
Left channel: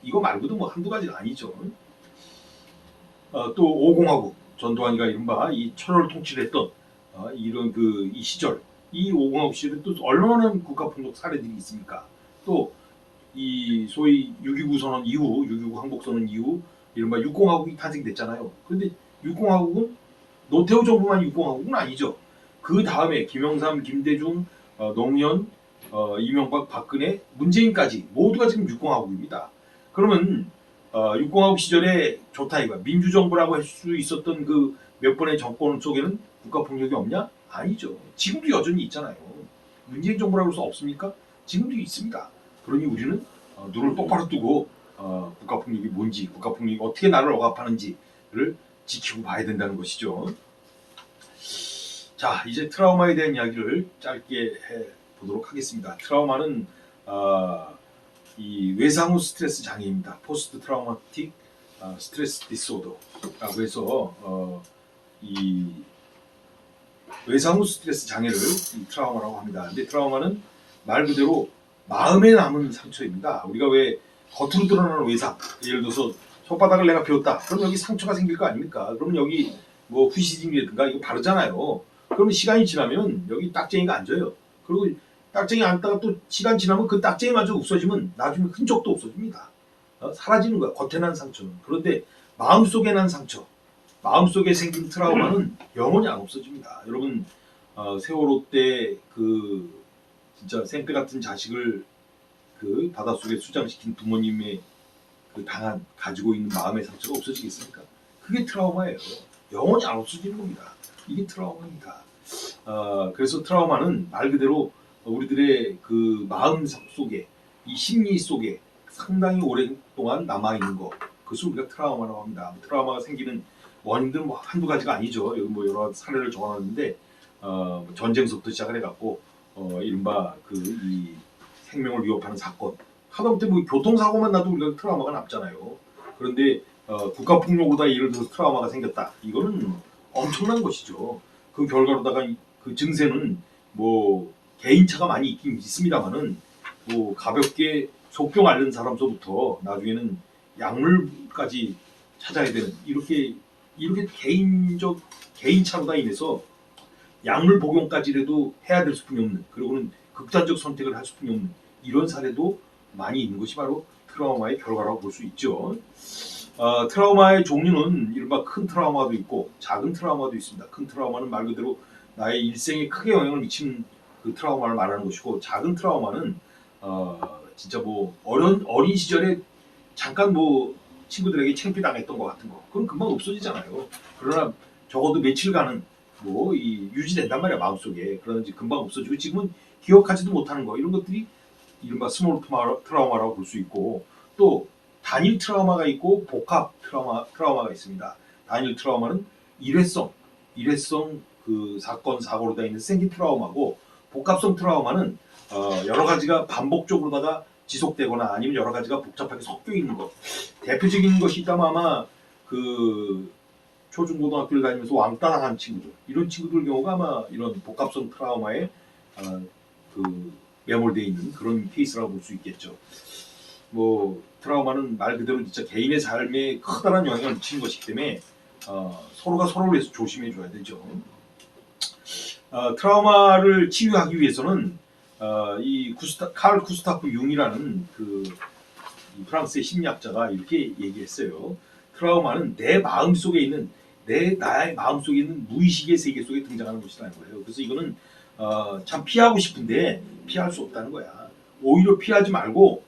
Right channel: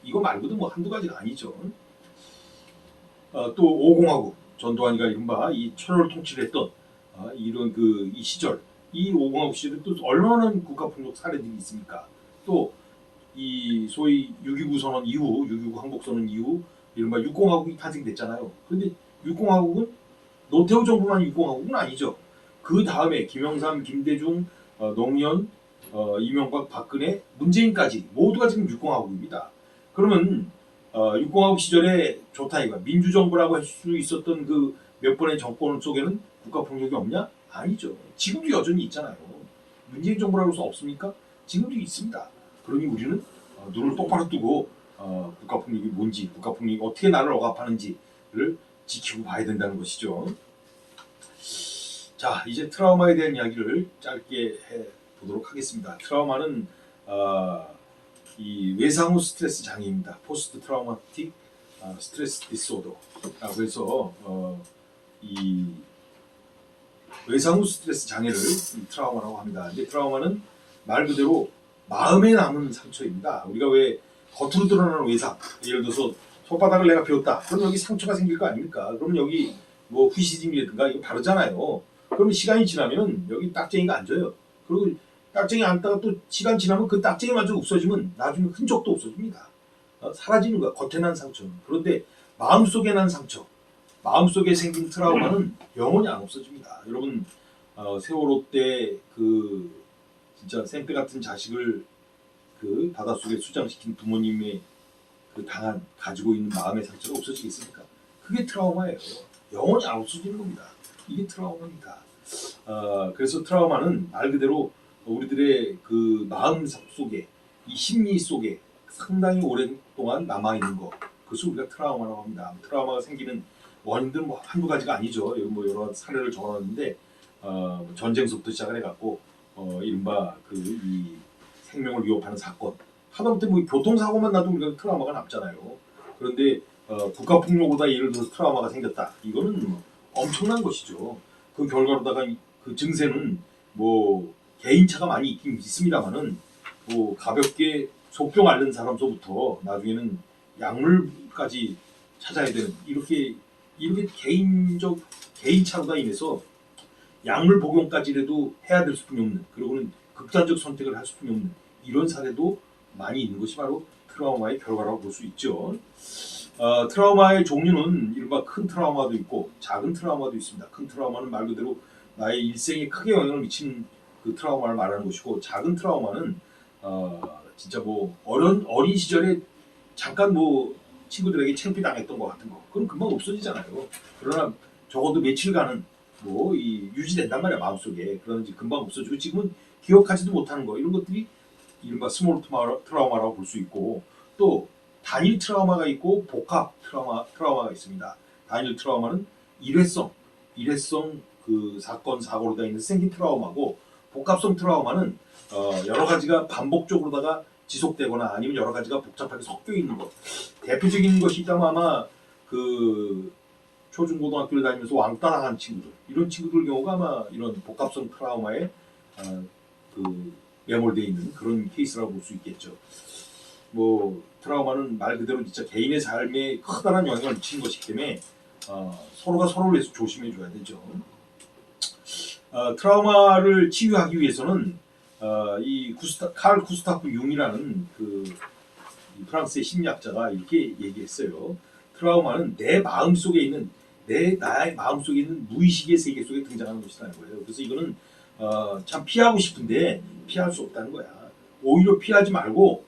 이거 말고도 뭐 한두 가지가 아니죠. 또 5공화국, 전두환이가 이른바 이 천호를 통치를 했던 이런 이 시절, 이 5공화국 시절에 또 얼마나 많은 국가폭력 사례들이 있습니까? 또 이 소위 6.29 선언 이후, 6.29 항복선언 이후 이른바 6공화국이 탄생됐잖아요. 그런데 6공화국은 노태우 정부만 6공화국은 아니죠. 그 다음에 김영삼, 김대중, 노무현, 이명박, 박근혜, 문재인까지 모두가 지금 6공화국입니다. 그러면 6공화국 시절에 좋다 이거야. 민주정부라고 할 수 있었던 그 몇 번의 정권 속에는 국가폭력이 없냐? 아니죠. 지금도 여전히 있잖아요. 문재인 정부라고 해서 없습니까? 지금도 있습니다. 그러니 우리는 눈을 똑바로 뜨고 국가폭력이 뭔지, 국가폭력이 어떻게 나를 억압하는지를 지키고 봐야 된다는 것이죠. 자, 이제 트라우마에 대한 이야기를 짧게 해보도록 하겠습니다. 트라우마는 이 외상후 스트레스 장애입니다. 포스트 트라우마틱 스트레스 디소더라고 해서 이 외상후 스트레스 장애를 트라우마라고 합니다. 근데 트라우마는 말 그대로 마음에 남은 상처입니다. 우리가 왜 겉으로 드러나는 외상, 예를 들어서 손바닥을 내가 베었다. 그럼 여기 상처가 생길 거 아닙니까? 그러면 여기 뭐 후시딘이라든가 이거 바르잖아요. 그러면 시간이 지나면 여기 딱쟁이가 앉아요. 그리고 딱쟁이 앉다가 또 시간 지나면 그 딱쟁이마저 없어지면 나중에 흔적도 없어집니다. 사라지는 거야. 겉에 난 상처는. 그런데 마음속에 난 상처, 마음속에 생긴 트라우마는 영원히 안 없어집니다. 여러분 세월호 때 진짜 생떼 같은 자식을 바닷속에 수장시킨 부모님의 가지고 있는 마음의 상처가 없어지겠습니까? 그게 트라우마예요. 영원히 안 없어지는 겁니다. 이게 트라우마입니다. 그래서 트라우마는 말 그대로 우리들의 그 마음 속에, 이 심리 속에 상당히 오랫동안 남아있는 거, 그것을 우리가 트라우마라고 합니다. 트라우마가 생기는 원인들은 뭐 한두 가지가 아니죠. 여기 뭐 여러 사례를 적어놨는데 전쟁서부터 시작을 해갖고 이른바 이 생명을 위협하는 사건, 하다못해 뭐 교통사고만 나도 우리가 트라우마가 남잖아요. 그런데 국가폭력보다 예를 들어서 트라우마가 생겼다. 이거는 엄청난 것이죠. 그 결과로다가 그 증세는 뭐 개인차가 많이 있긴 있습니다만은 뭐 가볍게 속병 앓는 사람서부터 나중에는 약물까지 찾아야 되는 이렇게 개인차로다 인해서 약물 복용까지라도 해야 될 수뿐이 없는, 그리고는 극단적 선택을 할 수뿐이 없는 이런 사례도 많이 있는 것이 바로 트라우마의 결과라고 볼 수 있죠. 트라우마의 종류는 이른바 큰 트라우마도 있고 작은 트라우마도 있습니다. 큰 트라우마는 말 그대로 나의 일생에 크게 영향을 미치는 그 트라우마를 말하는 것이고, 작은 트라우마는 진짜 뭐 어린 시절에 잠깐 뭐 친구들에게 창피당했던 것 같은 거, 그건 금방 없어지잖아요. 그러나 적어도 며칠간은 뭐 유지된단 말이야, 마음속에. 그러는지 금방 없어지고, 지금은 기억하지도 못하는 거, 이런 것들이 이른바 스몰 트라우마라고 볼 수 있고, 또 단일 트라우마가 있고 복합 트라우마가 있습니다. 단일 트라우마는 일회성 그 사건 사고로 되어 있는 생긴 트라우마고, 복합성 트라우마는 여러 가지가 반복적으로다가 지속되거나 아니면 여러 가지가 복잡하게 섞여 있는 것. 대표적인 것이 있다면 아마 그 초중고등학교를 다니면서 왕따 당한 친구들, 이런 친구들 경우가 아마 이런 복합성 트라우마에 그 매몰되어 있는 그런 케이스라고 볼 수 있겠죠. 뭐 트라우마는 말 그대로 진짜 개인의 삶에 커다란 영향을 미치는 것이기 때문에 서로가 서로를 위해서 조심해 줘야 되죠. 트라우마를 치유하기 위해서는 칼 구스타프 융이라는 이 프랑스의 심리학자가 이렇게 얘기했어요. 트라우마는 나의 마음속에 있는 무의식의 세계 속에 등장하는 것이라는 거예요. 그래서 이거는 참 피하고 싶은데 피할 수 없다는 거야. 오히려 피하지 말고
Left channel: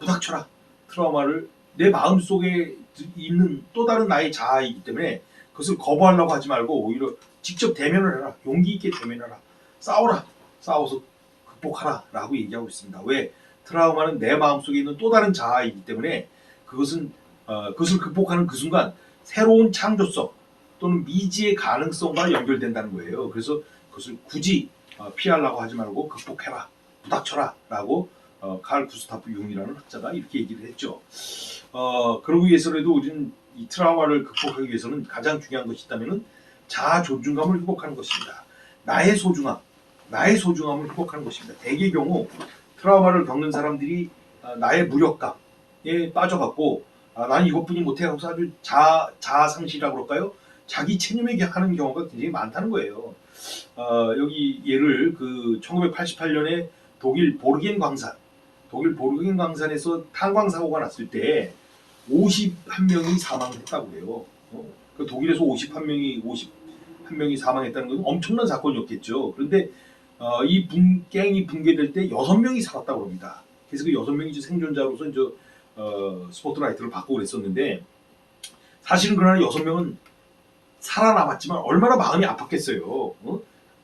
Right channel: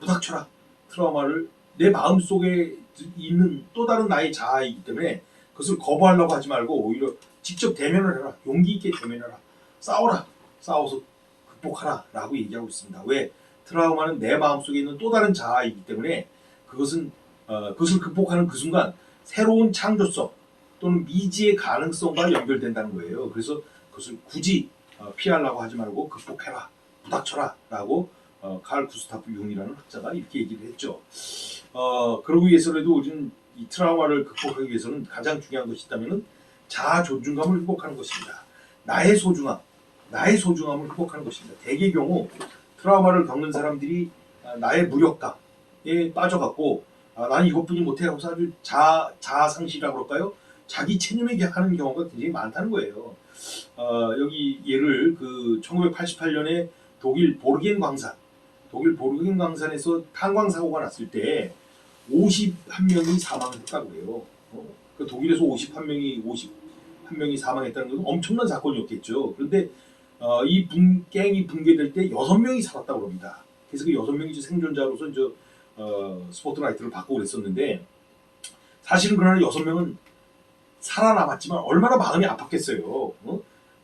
부닥쳐라. 트라우마를 내 마음속에 있는 또 다른 나의 자아이기 때문에 그것을 거부하려고 하지 말고 오히려 직접 대면을 해라. 용기 있게 대면해라. 싸워라. 싸워서 극복하라 라고 얘기하고 있습니다. 왜? 트라우마는 내 마음속에 있는 또 다른 자아이기 때문에 그것을 극복하는 그 순간 새로운 창조성 또는 미지의 가능성과 연결된다는 거예요. 그래서 그것을 굳이 피하려고 하지 말고 극복해라. 부닥쳐라 라고 칼 구스타프 융이라는 학자가 이렇게 얘기를 했죠. 그러기 위해서라도 우리는 이 트라우마를 극복하기 위해서는 가장 중요한 것이 있다면 자아 존중감을 회복하는 것입니다. 나의 소중함을 회복하는 것입니다. 대개의 경우 트라우마를 겪는 사람들이 나의 무력감에 빠져갖고 나는 이것뿐이 못해 하고 아주 자아 상실이라고 그럴까요? 자기 체념에 하는 경우가 굉장히 많다는 거예요. 여기 예를 1988년에 독일 보르겐 광산에서 탄광 사고가 났을 때 51명이 사망했다고 해요. 그 독일에서 51명이 사망했다는 건 엄청난 사건이었겠죠. 그런데 갱이 붕괴될 때 6명이 살았다고 합니다. 그래서 그 6명이 생존자로서 스포트라이트를 받고 그랬었는데, 사실은 그러나 6명은 살아남았지만 얼마나 마음이 아팠겠어요.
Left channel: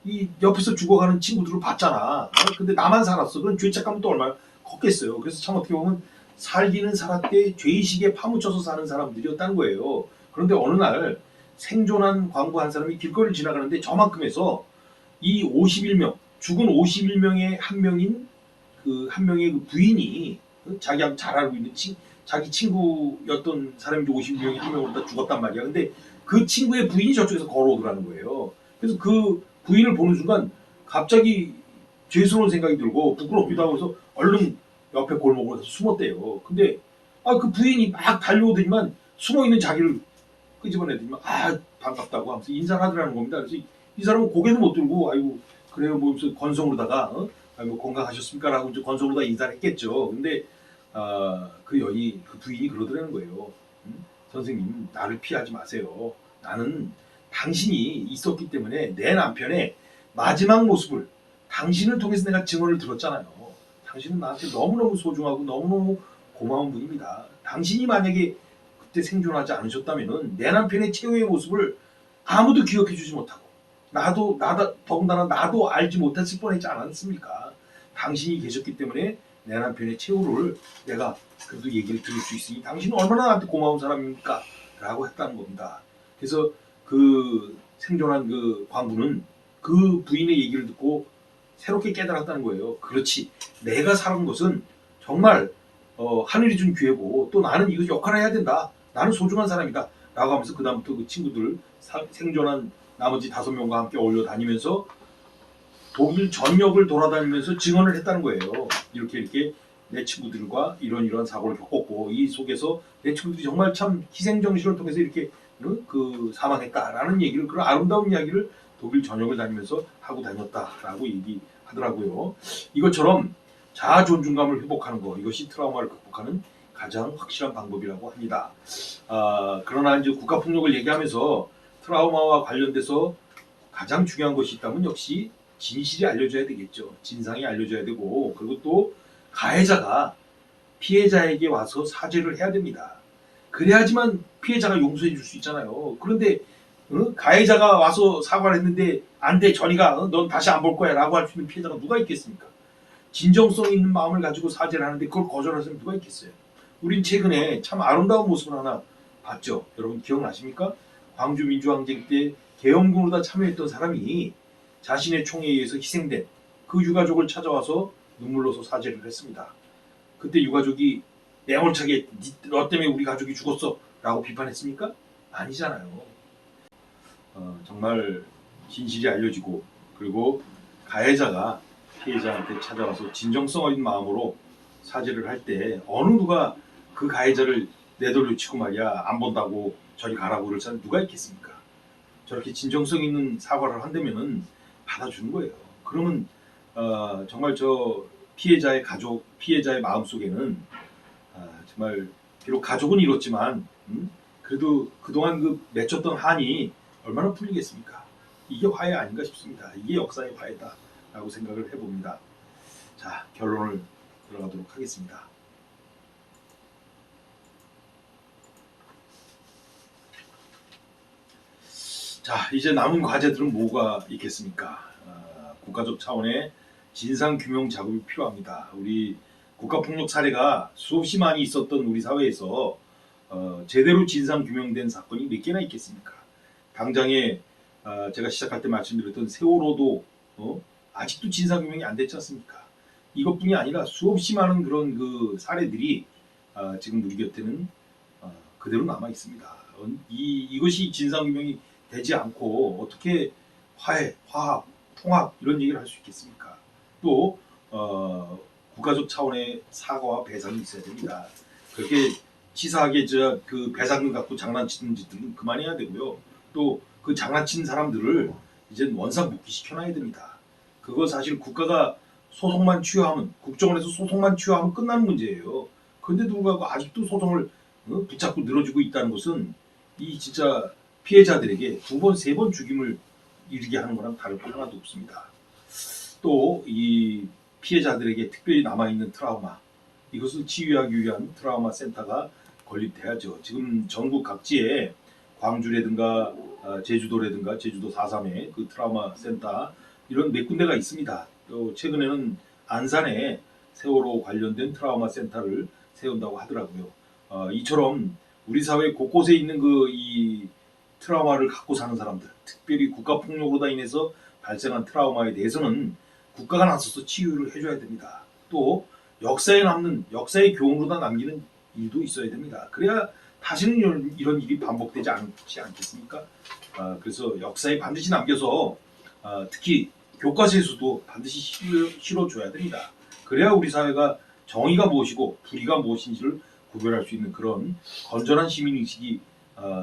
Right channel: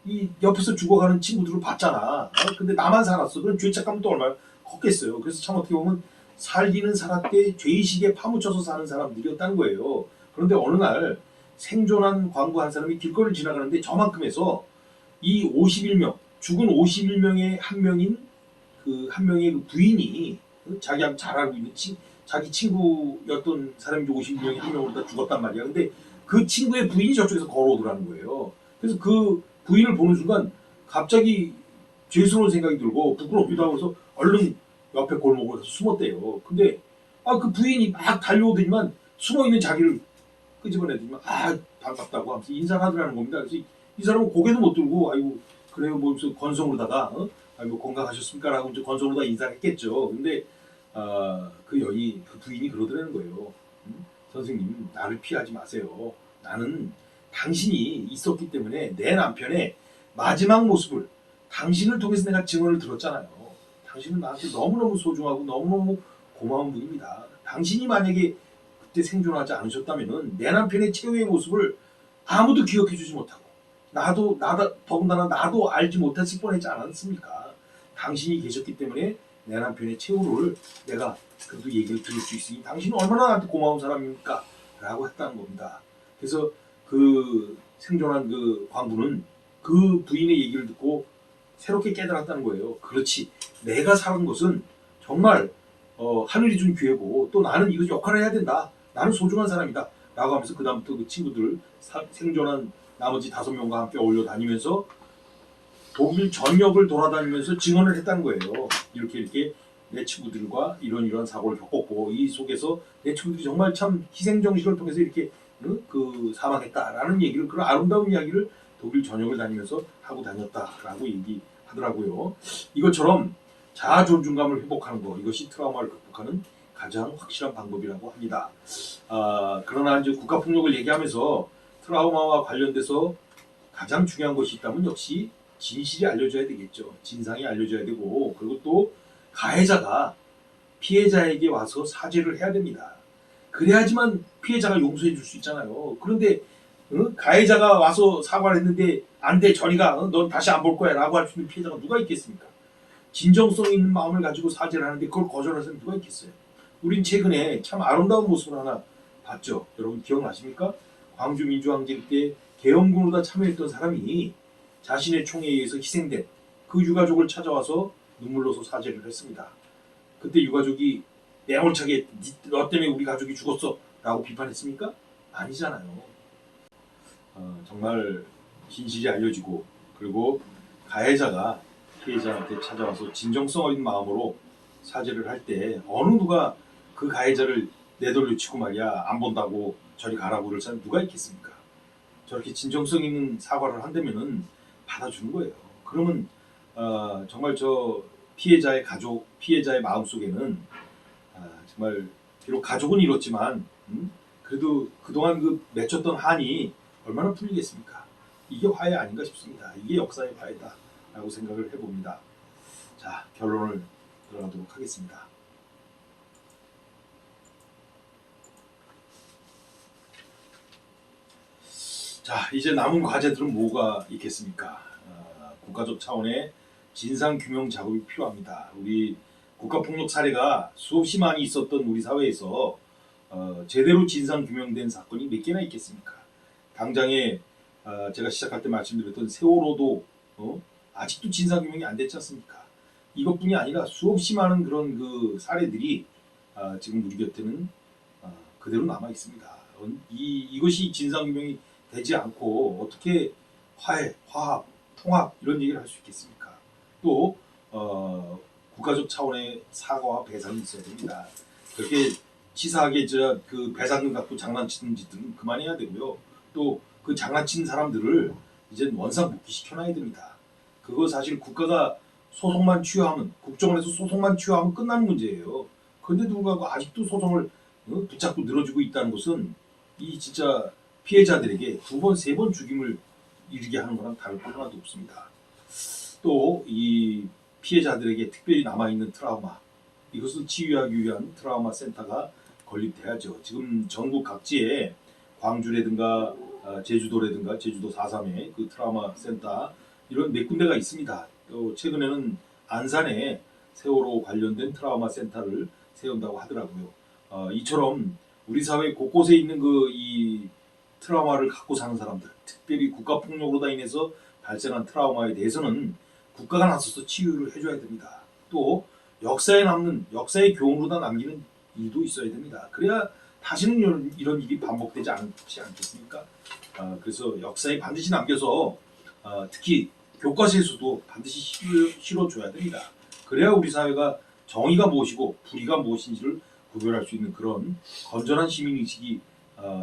이 옆에서 죽어가는 친구들을 봤잖아. 근데 나만 살았어. 그럼 죄책감은 또 얼마나 컸겠어요. 그래서 참 어떻게 보면 살기는 살았대 죄의식에 파묻혀서 사는 사람들이었다는 거예요. 그런데 어느 날 생존한 광부 한 사람이 길거리를 지나가는데 저만큼 해서 이 51명, 죽은 51명의 한 명인 한 명의 그 부인이 자기하고 잘 알고 있는 자기 친구였던 사람이 51명의 한 명으로 다 죽었단 말이야. 근데 그 친구의 부인이 저쪽에서 걸어오더라는 거예요. 그래서 그 부인을 보는 순간 갑자기 죄스러운 생각이 들고 부끄럽기도 하고 해서 얼른 옆에 골목으로 숨었대요. 근데 그 부인이 막 달려오더니만 숨어있는 자기를 끄집어내더니만 반갑다고 하면서 인사를 하더라는 겁니다. 그래서 이 사람은 고개도 못 들고 아이고 그래요 뭐 무슨 건성으로다가 아이고 건강하셨습니까? 라고 이제 건성으로다 인사를 했겠죠. 근데 그 부인이 그러더라는 거예요. 선생님, 나를 피하지 마세요. 나는 당신이 있었기 때문에 내 남편의 마지막 모습을 당신을 통해서 내가 증언을 들었잖아요. 당신은 나한테 너무너무 소중하고 너무너무 고마운 분입니다. 당신이 만약에 그때 생존하지 않으셨다면 내 남편의 최후의 모습을 아무도 기억해 주지 못하고 더군다나 나도 알지 못했을 뻔했지 않았습니까? 당신이 계셨기 때문에 내 남편의 최후를 내가 그래도 얘기를 들을 수 있으니 당신은 얼마나 나한테 고마운 사람입니까? 라고 했다는 겁니다. 그래서 그 생존한 그 광부는 그 부인의 얘기를 듣고 새롭게 깨달았다는 거예요. 그렇지, 내가 살은 것은 정말 하늘이 준 기회고 또 나는 이거 역할을 해야 된다. 나는 소중한 사람이다. 라고 하면서 그 다음부터 그 친구들 생존한 나머지 5명과 함께 어울려 다니면서 독일 전역을 돌아다니면서 증언을 했다는 거예요. 이렇게 내 친구들과 이런 사고를 겪었고 이 속에서 내 친구들이 정말 참 희생정신을 통해서 이렇게 사망했다라는 얘기를, 그런 아름다운 이야기를 독일 전역을 다니면서 하고 다녔다라고 얘기하더라고요. 이것처럼 자아 존중감을 회복하는 것, 이것이 트라우마를 극복하는 가장 확실한 방법이라고 합니다. 그러나 이제 국가폭력을 얘기하면서 트라우마와 관련돼서 가장 중요한 것이 있다면 역시 진실이 알려져야 되겠죠. 진상이 알려져야 되고, 그리고 또 가해자가 피해자에게 와서 사죄를 해야 됩니다. 그래야지만 피해자가 용서해 줄 수 있잖아요. 그런데 가해자가 와서 사과를 했는데 안 돼, 저리가, 넌 다시 안 볼 거야 라고 할 수 있는 피해자가 누가 있겠습니까? 진정성 있는 마음을 가지고 사죄를 하는데 그걸 거절할 사람이 누가 있겠어요? 우린 최근에 참 아름다운 모습을 하나 봤죠. 여러분 기억나십니까? 광주 민주항쟁 때 계엄군으로 다 참여했던 사람이 자신의 총에 의해서 희생된 그 유가족을 찾아와서 눈물로서 사죄를 했습니다. 그때 유가족이 매몰차게 너 때문에 우리 가족이 죽었어 라고 비판했습니까? 아니잖아요. 정말 진실이 알려지고 그리고 가해자가 피해자한테 찾아와서 진정성 어린 마음으로 사죄를 할 때 어느 누가 그 가해자를 내돌려치고 말이야 안 본다고 저리 가라고 그럴 사람 누가 있겠습니까? 저렇게 진정성 있는 사과를 한다면은 받아주는 거예요. 그러면 정말 저 피해자의 가족, 피해자의 마음속에는 정말 비록 가족은 잃었지만 그래도 그동안 그 맺혔던 한이 얼마나 풀리겠습니까? 이게 화해 아닌가 싶습니다. 이게 역사의 화해다라고 생각을 해봅니다. 자, 결론을 들어가도록 하겠습니다. 자, 이제 남은 과제들은 뭐가 있겠습니까? 국가적 차원의 진상규명 작업이 필요합니다. 우리 국가폭력 사례가 수없이 많이 있었던 우리 사회에서 제대로 진상규명된 사건이 몇 개나 있겠습니까? 당장에 제가 시작할 때 말씀드렸던 세월호도 아직도 진상규명이 안 됐지 않습니까? 이것뿐이 아니라 수없이 많은 그런 그 사례들이 지금 우리 곁에는 그대로 남아 있습니다. 이것이 진상규명이 되지 않고 어떻게 화해, 화합, 통합 이런 얘기를 할 수 있겠습니까? 또 국가적 차원의 사과와 배상이 있어야 됩니다. 그렇게 치사하게 그 배상금 갖고 장난치는 짓들은 그만해야 되고요. 또 그 장난친 사람들을 이제 원상복귀 시켜놔야 됩니다. 그거 사실 국가가 소송만 취하하면 국정원에서 소송만 취하하면 끝나는 문제예요. 그런데도 불구하고 아직도 소송을 붙잡고 늘어지고 있다는 것은 이 진짜 피해자들에게 두 번, 세 번 죽임을 이르게 하는 거랑 다를 거 하나도 없습니다. 또 이 피해자들에게 특별히 남아있는 트라우마 이것을 치유하기 위한 트라우마 센터가 건립돼야죠. 지금 전국 각지에 광주라든가 제주도라든가 제주도 4.3의 그 트라우마 센터 이런 몇 군데가 있습니다. 또 최근에는 안산에 세월호 관련된 트라우마 센터를 세운다고 하더라고요. 이처럼 우리 사회 곳곳에 있는 이 트라우마를 갖고 사는 사람들, 특별히 국가폭력으로 인해서 발생한 트라우마에 대해서는 국가가 나서서 치유를 해줘야 됩니다. 또 역사에 남는 역사의 교훈으로 남기는 일도 있어야 됩니다. 그래야 다시는 이런 일이 반복되지 않지 않겠습니까? 그래서 역사에 반드시 남겨서 특히 교과서에서도 반드시 실어줘야 됩니다. 그래야 우리 사회가 정의가 무엇이고 불의가 무엇인지를 구별할 수 있는 그런 건전한 시민의식이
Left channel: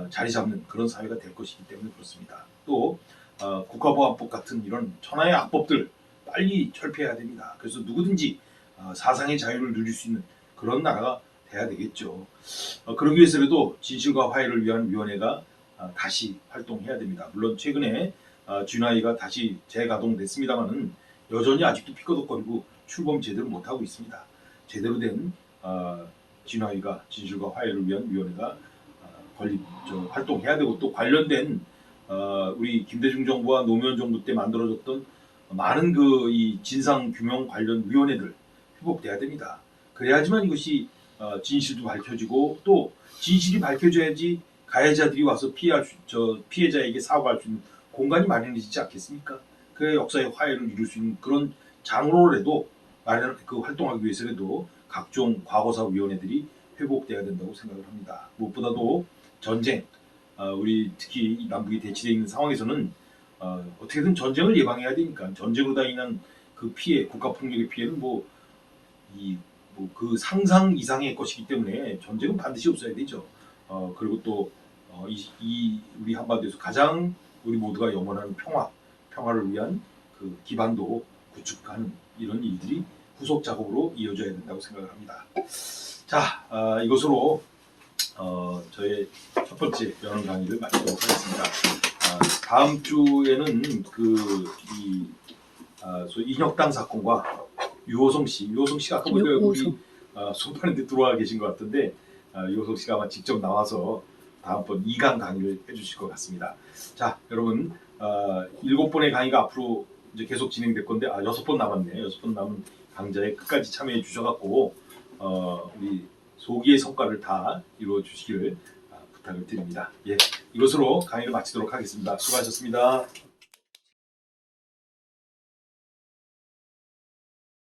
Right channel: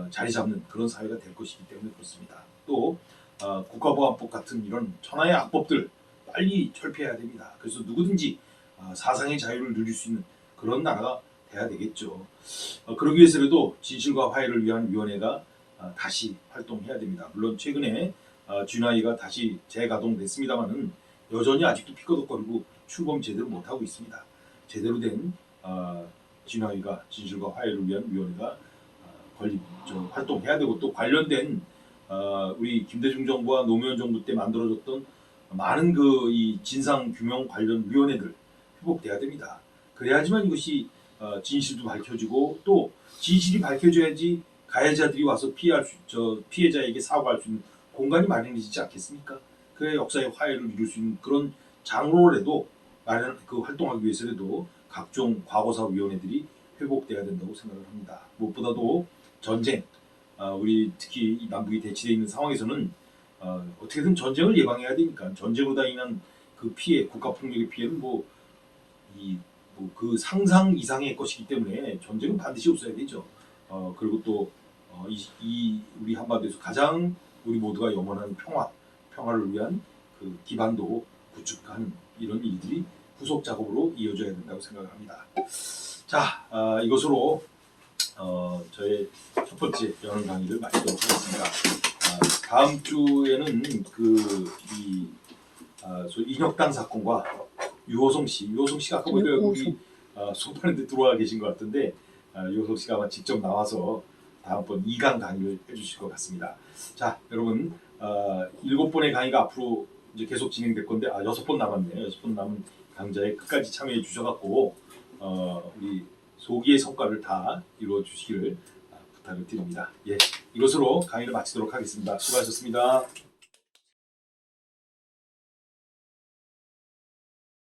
자리 잡는 그런 사회가 될 것이기 때문에 그렇습니다. 또 국가보안법 같은 이런 천하의 악법들 빨리 철폐해야 됩니다. 그래서 누구든지 사상의 자유를 누릴 수 있는 그런 나라가 돼야 되겠죠. 그러기 위해서라도 진실과 화해를 위한 위원회가 다시 활동해야 됩니다. 물론 최근에 쥐나이가 다시 재가동됐습니다만은 여전히 아직도 피꺼덕거리고 출범 제대로 못하고 있습니다. 제대로 된 쥐나이가 진실과 화해를 위한 위원회가 활동해야 되고 또 관련된 우리 김대중 정부와 노무현 정부 때 만들어졌던 많은 이 진상 규명 관련 위원회들 회복돼야 됩니다. 그래야지만 이것이 진실도 밝혀지고 또 진실이 밝혀져야지 가해자들이 와서 피해자에게 사과할 수 있는 공간이 마련해지지 않겠습니까? 그래야 역사의 화해를 이룰 수 있는 그런 장로라도 활동하기 위해서라도 각종 과거사 위원회들이 회복돼야 된다고 생각을 합니다. 무엇보다도 전쟁, 우리 특히 이 남북이 대치되어 있는 상황에서는 어떻게든 전쟁을 예방해야 되니까 전쟁으로 인한 그 피해, 국가폭력의 피해는 그 상상 이상의 것이기 때문에 전쟁은 반드시 없어야 되죠. 그리고 또 우리 한반도에서 가장 우리 모두가 염원하는 평화를 위한 그 기반도 구축하는 이런 일들이 후속 작업으로 이어져야 된다고 생각을 합니다. 자, 이것으로 저의 첫 번째 연원 강의를 마치도록 하겠습니다. 다음 주에는 소위 인혁당 사건과 유호성 씨가 아까 보니까 우리 소판인데 들어와 계신 것 같은데 이호석 씨가 아마 직접 나와서 다음번 2강 강의를 해주실 것 같습니다. 자, 여러분 7번의 강의가 앞으로 이제 계속 진행될 건데 6번 남았네요. 6번 남은 강좌에 끝까지 참여해 주셔갖고 우리 소기의 성과를 다 이루어 주시기를 부탁을 드립니다. 예, 이것으로 강의를 마치도록 하겠습니다. 수고하셨습니다.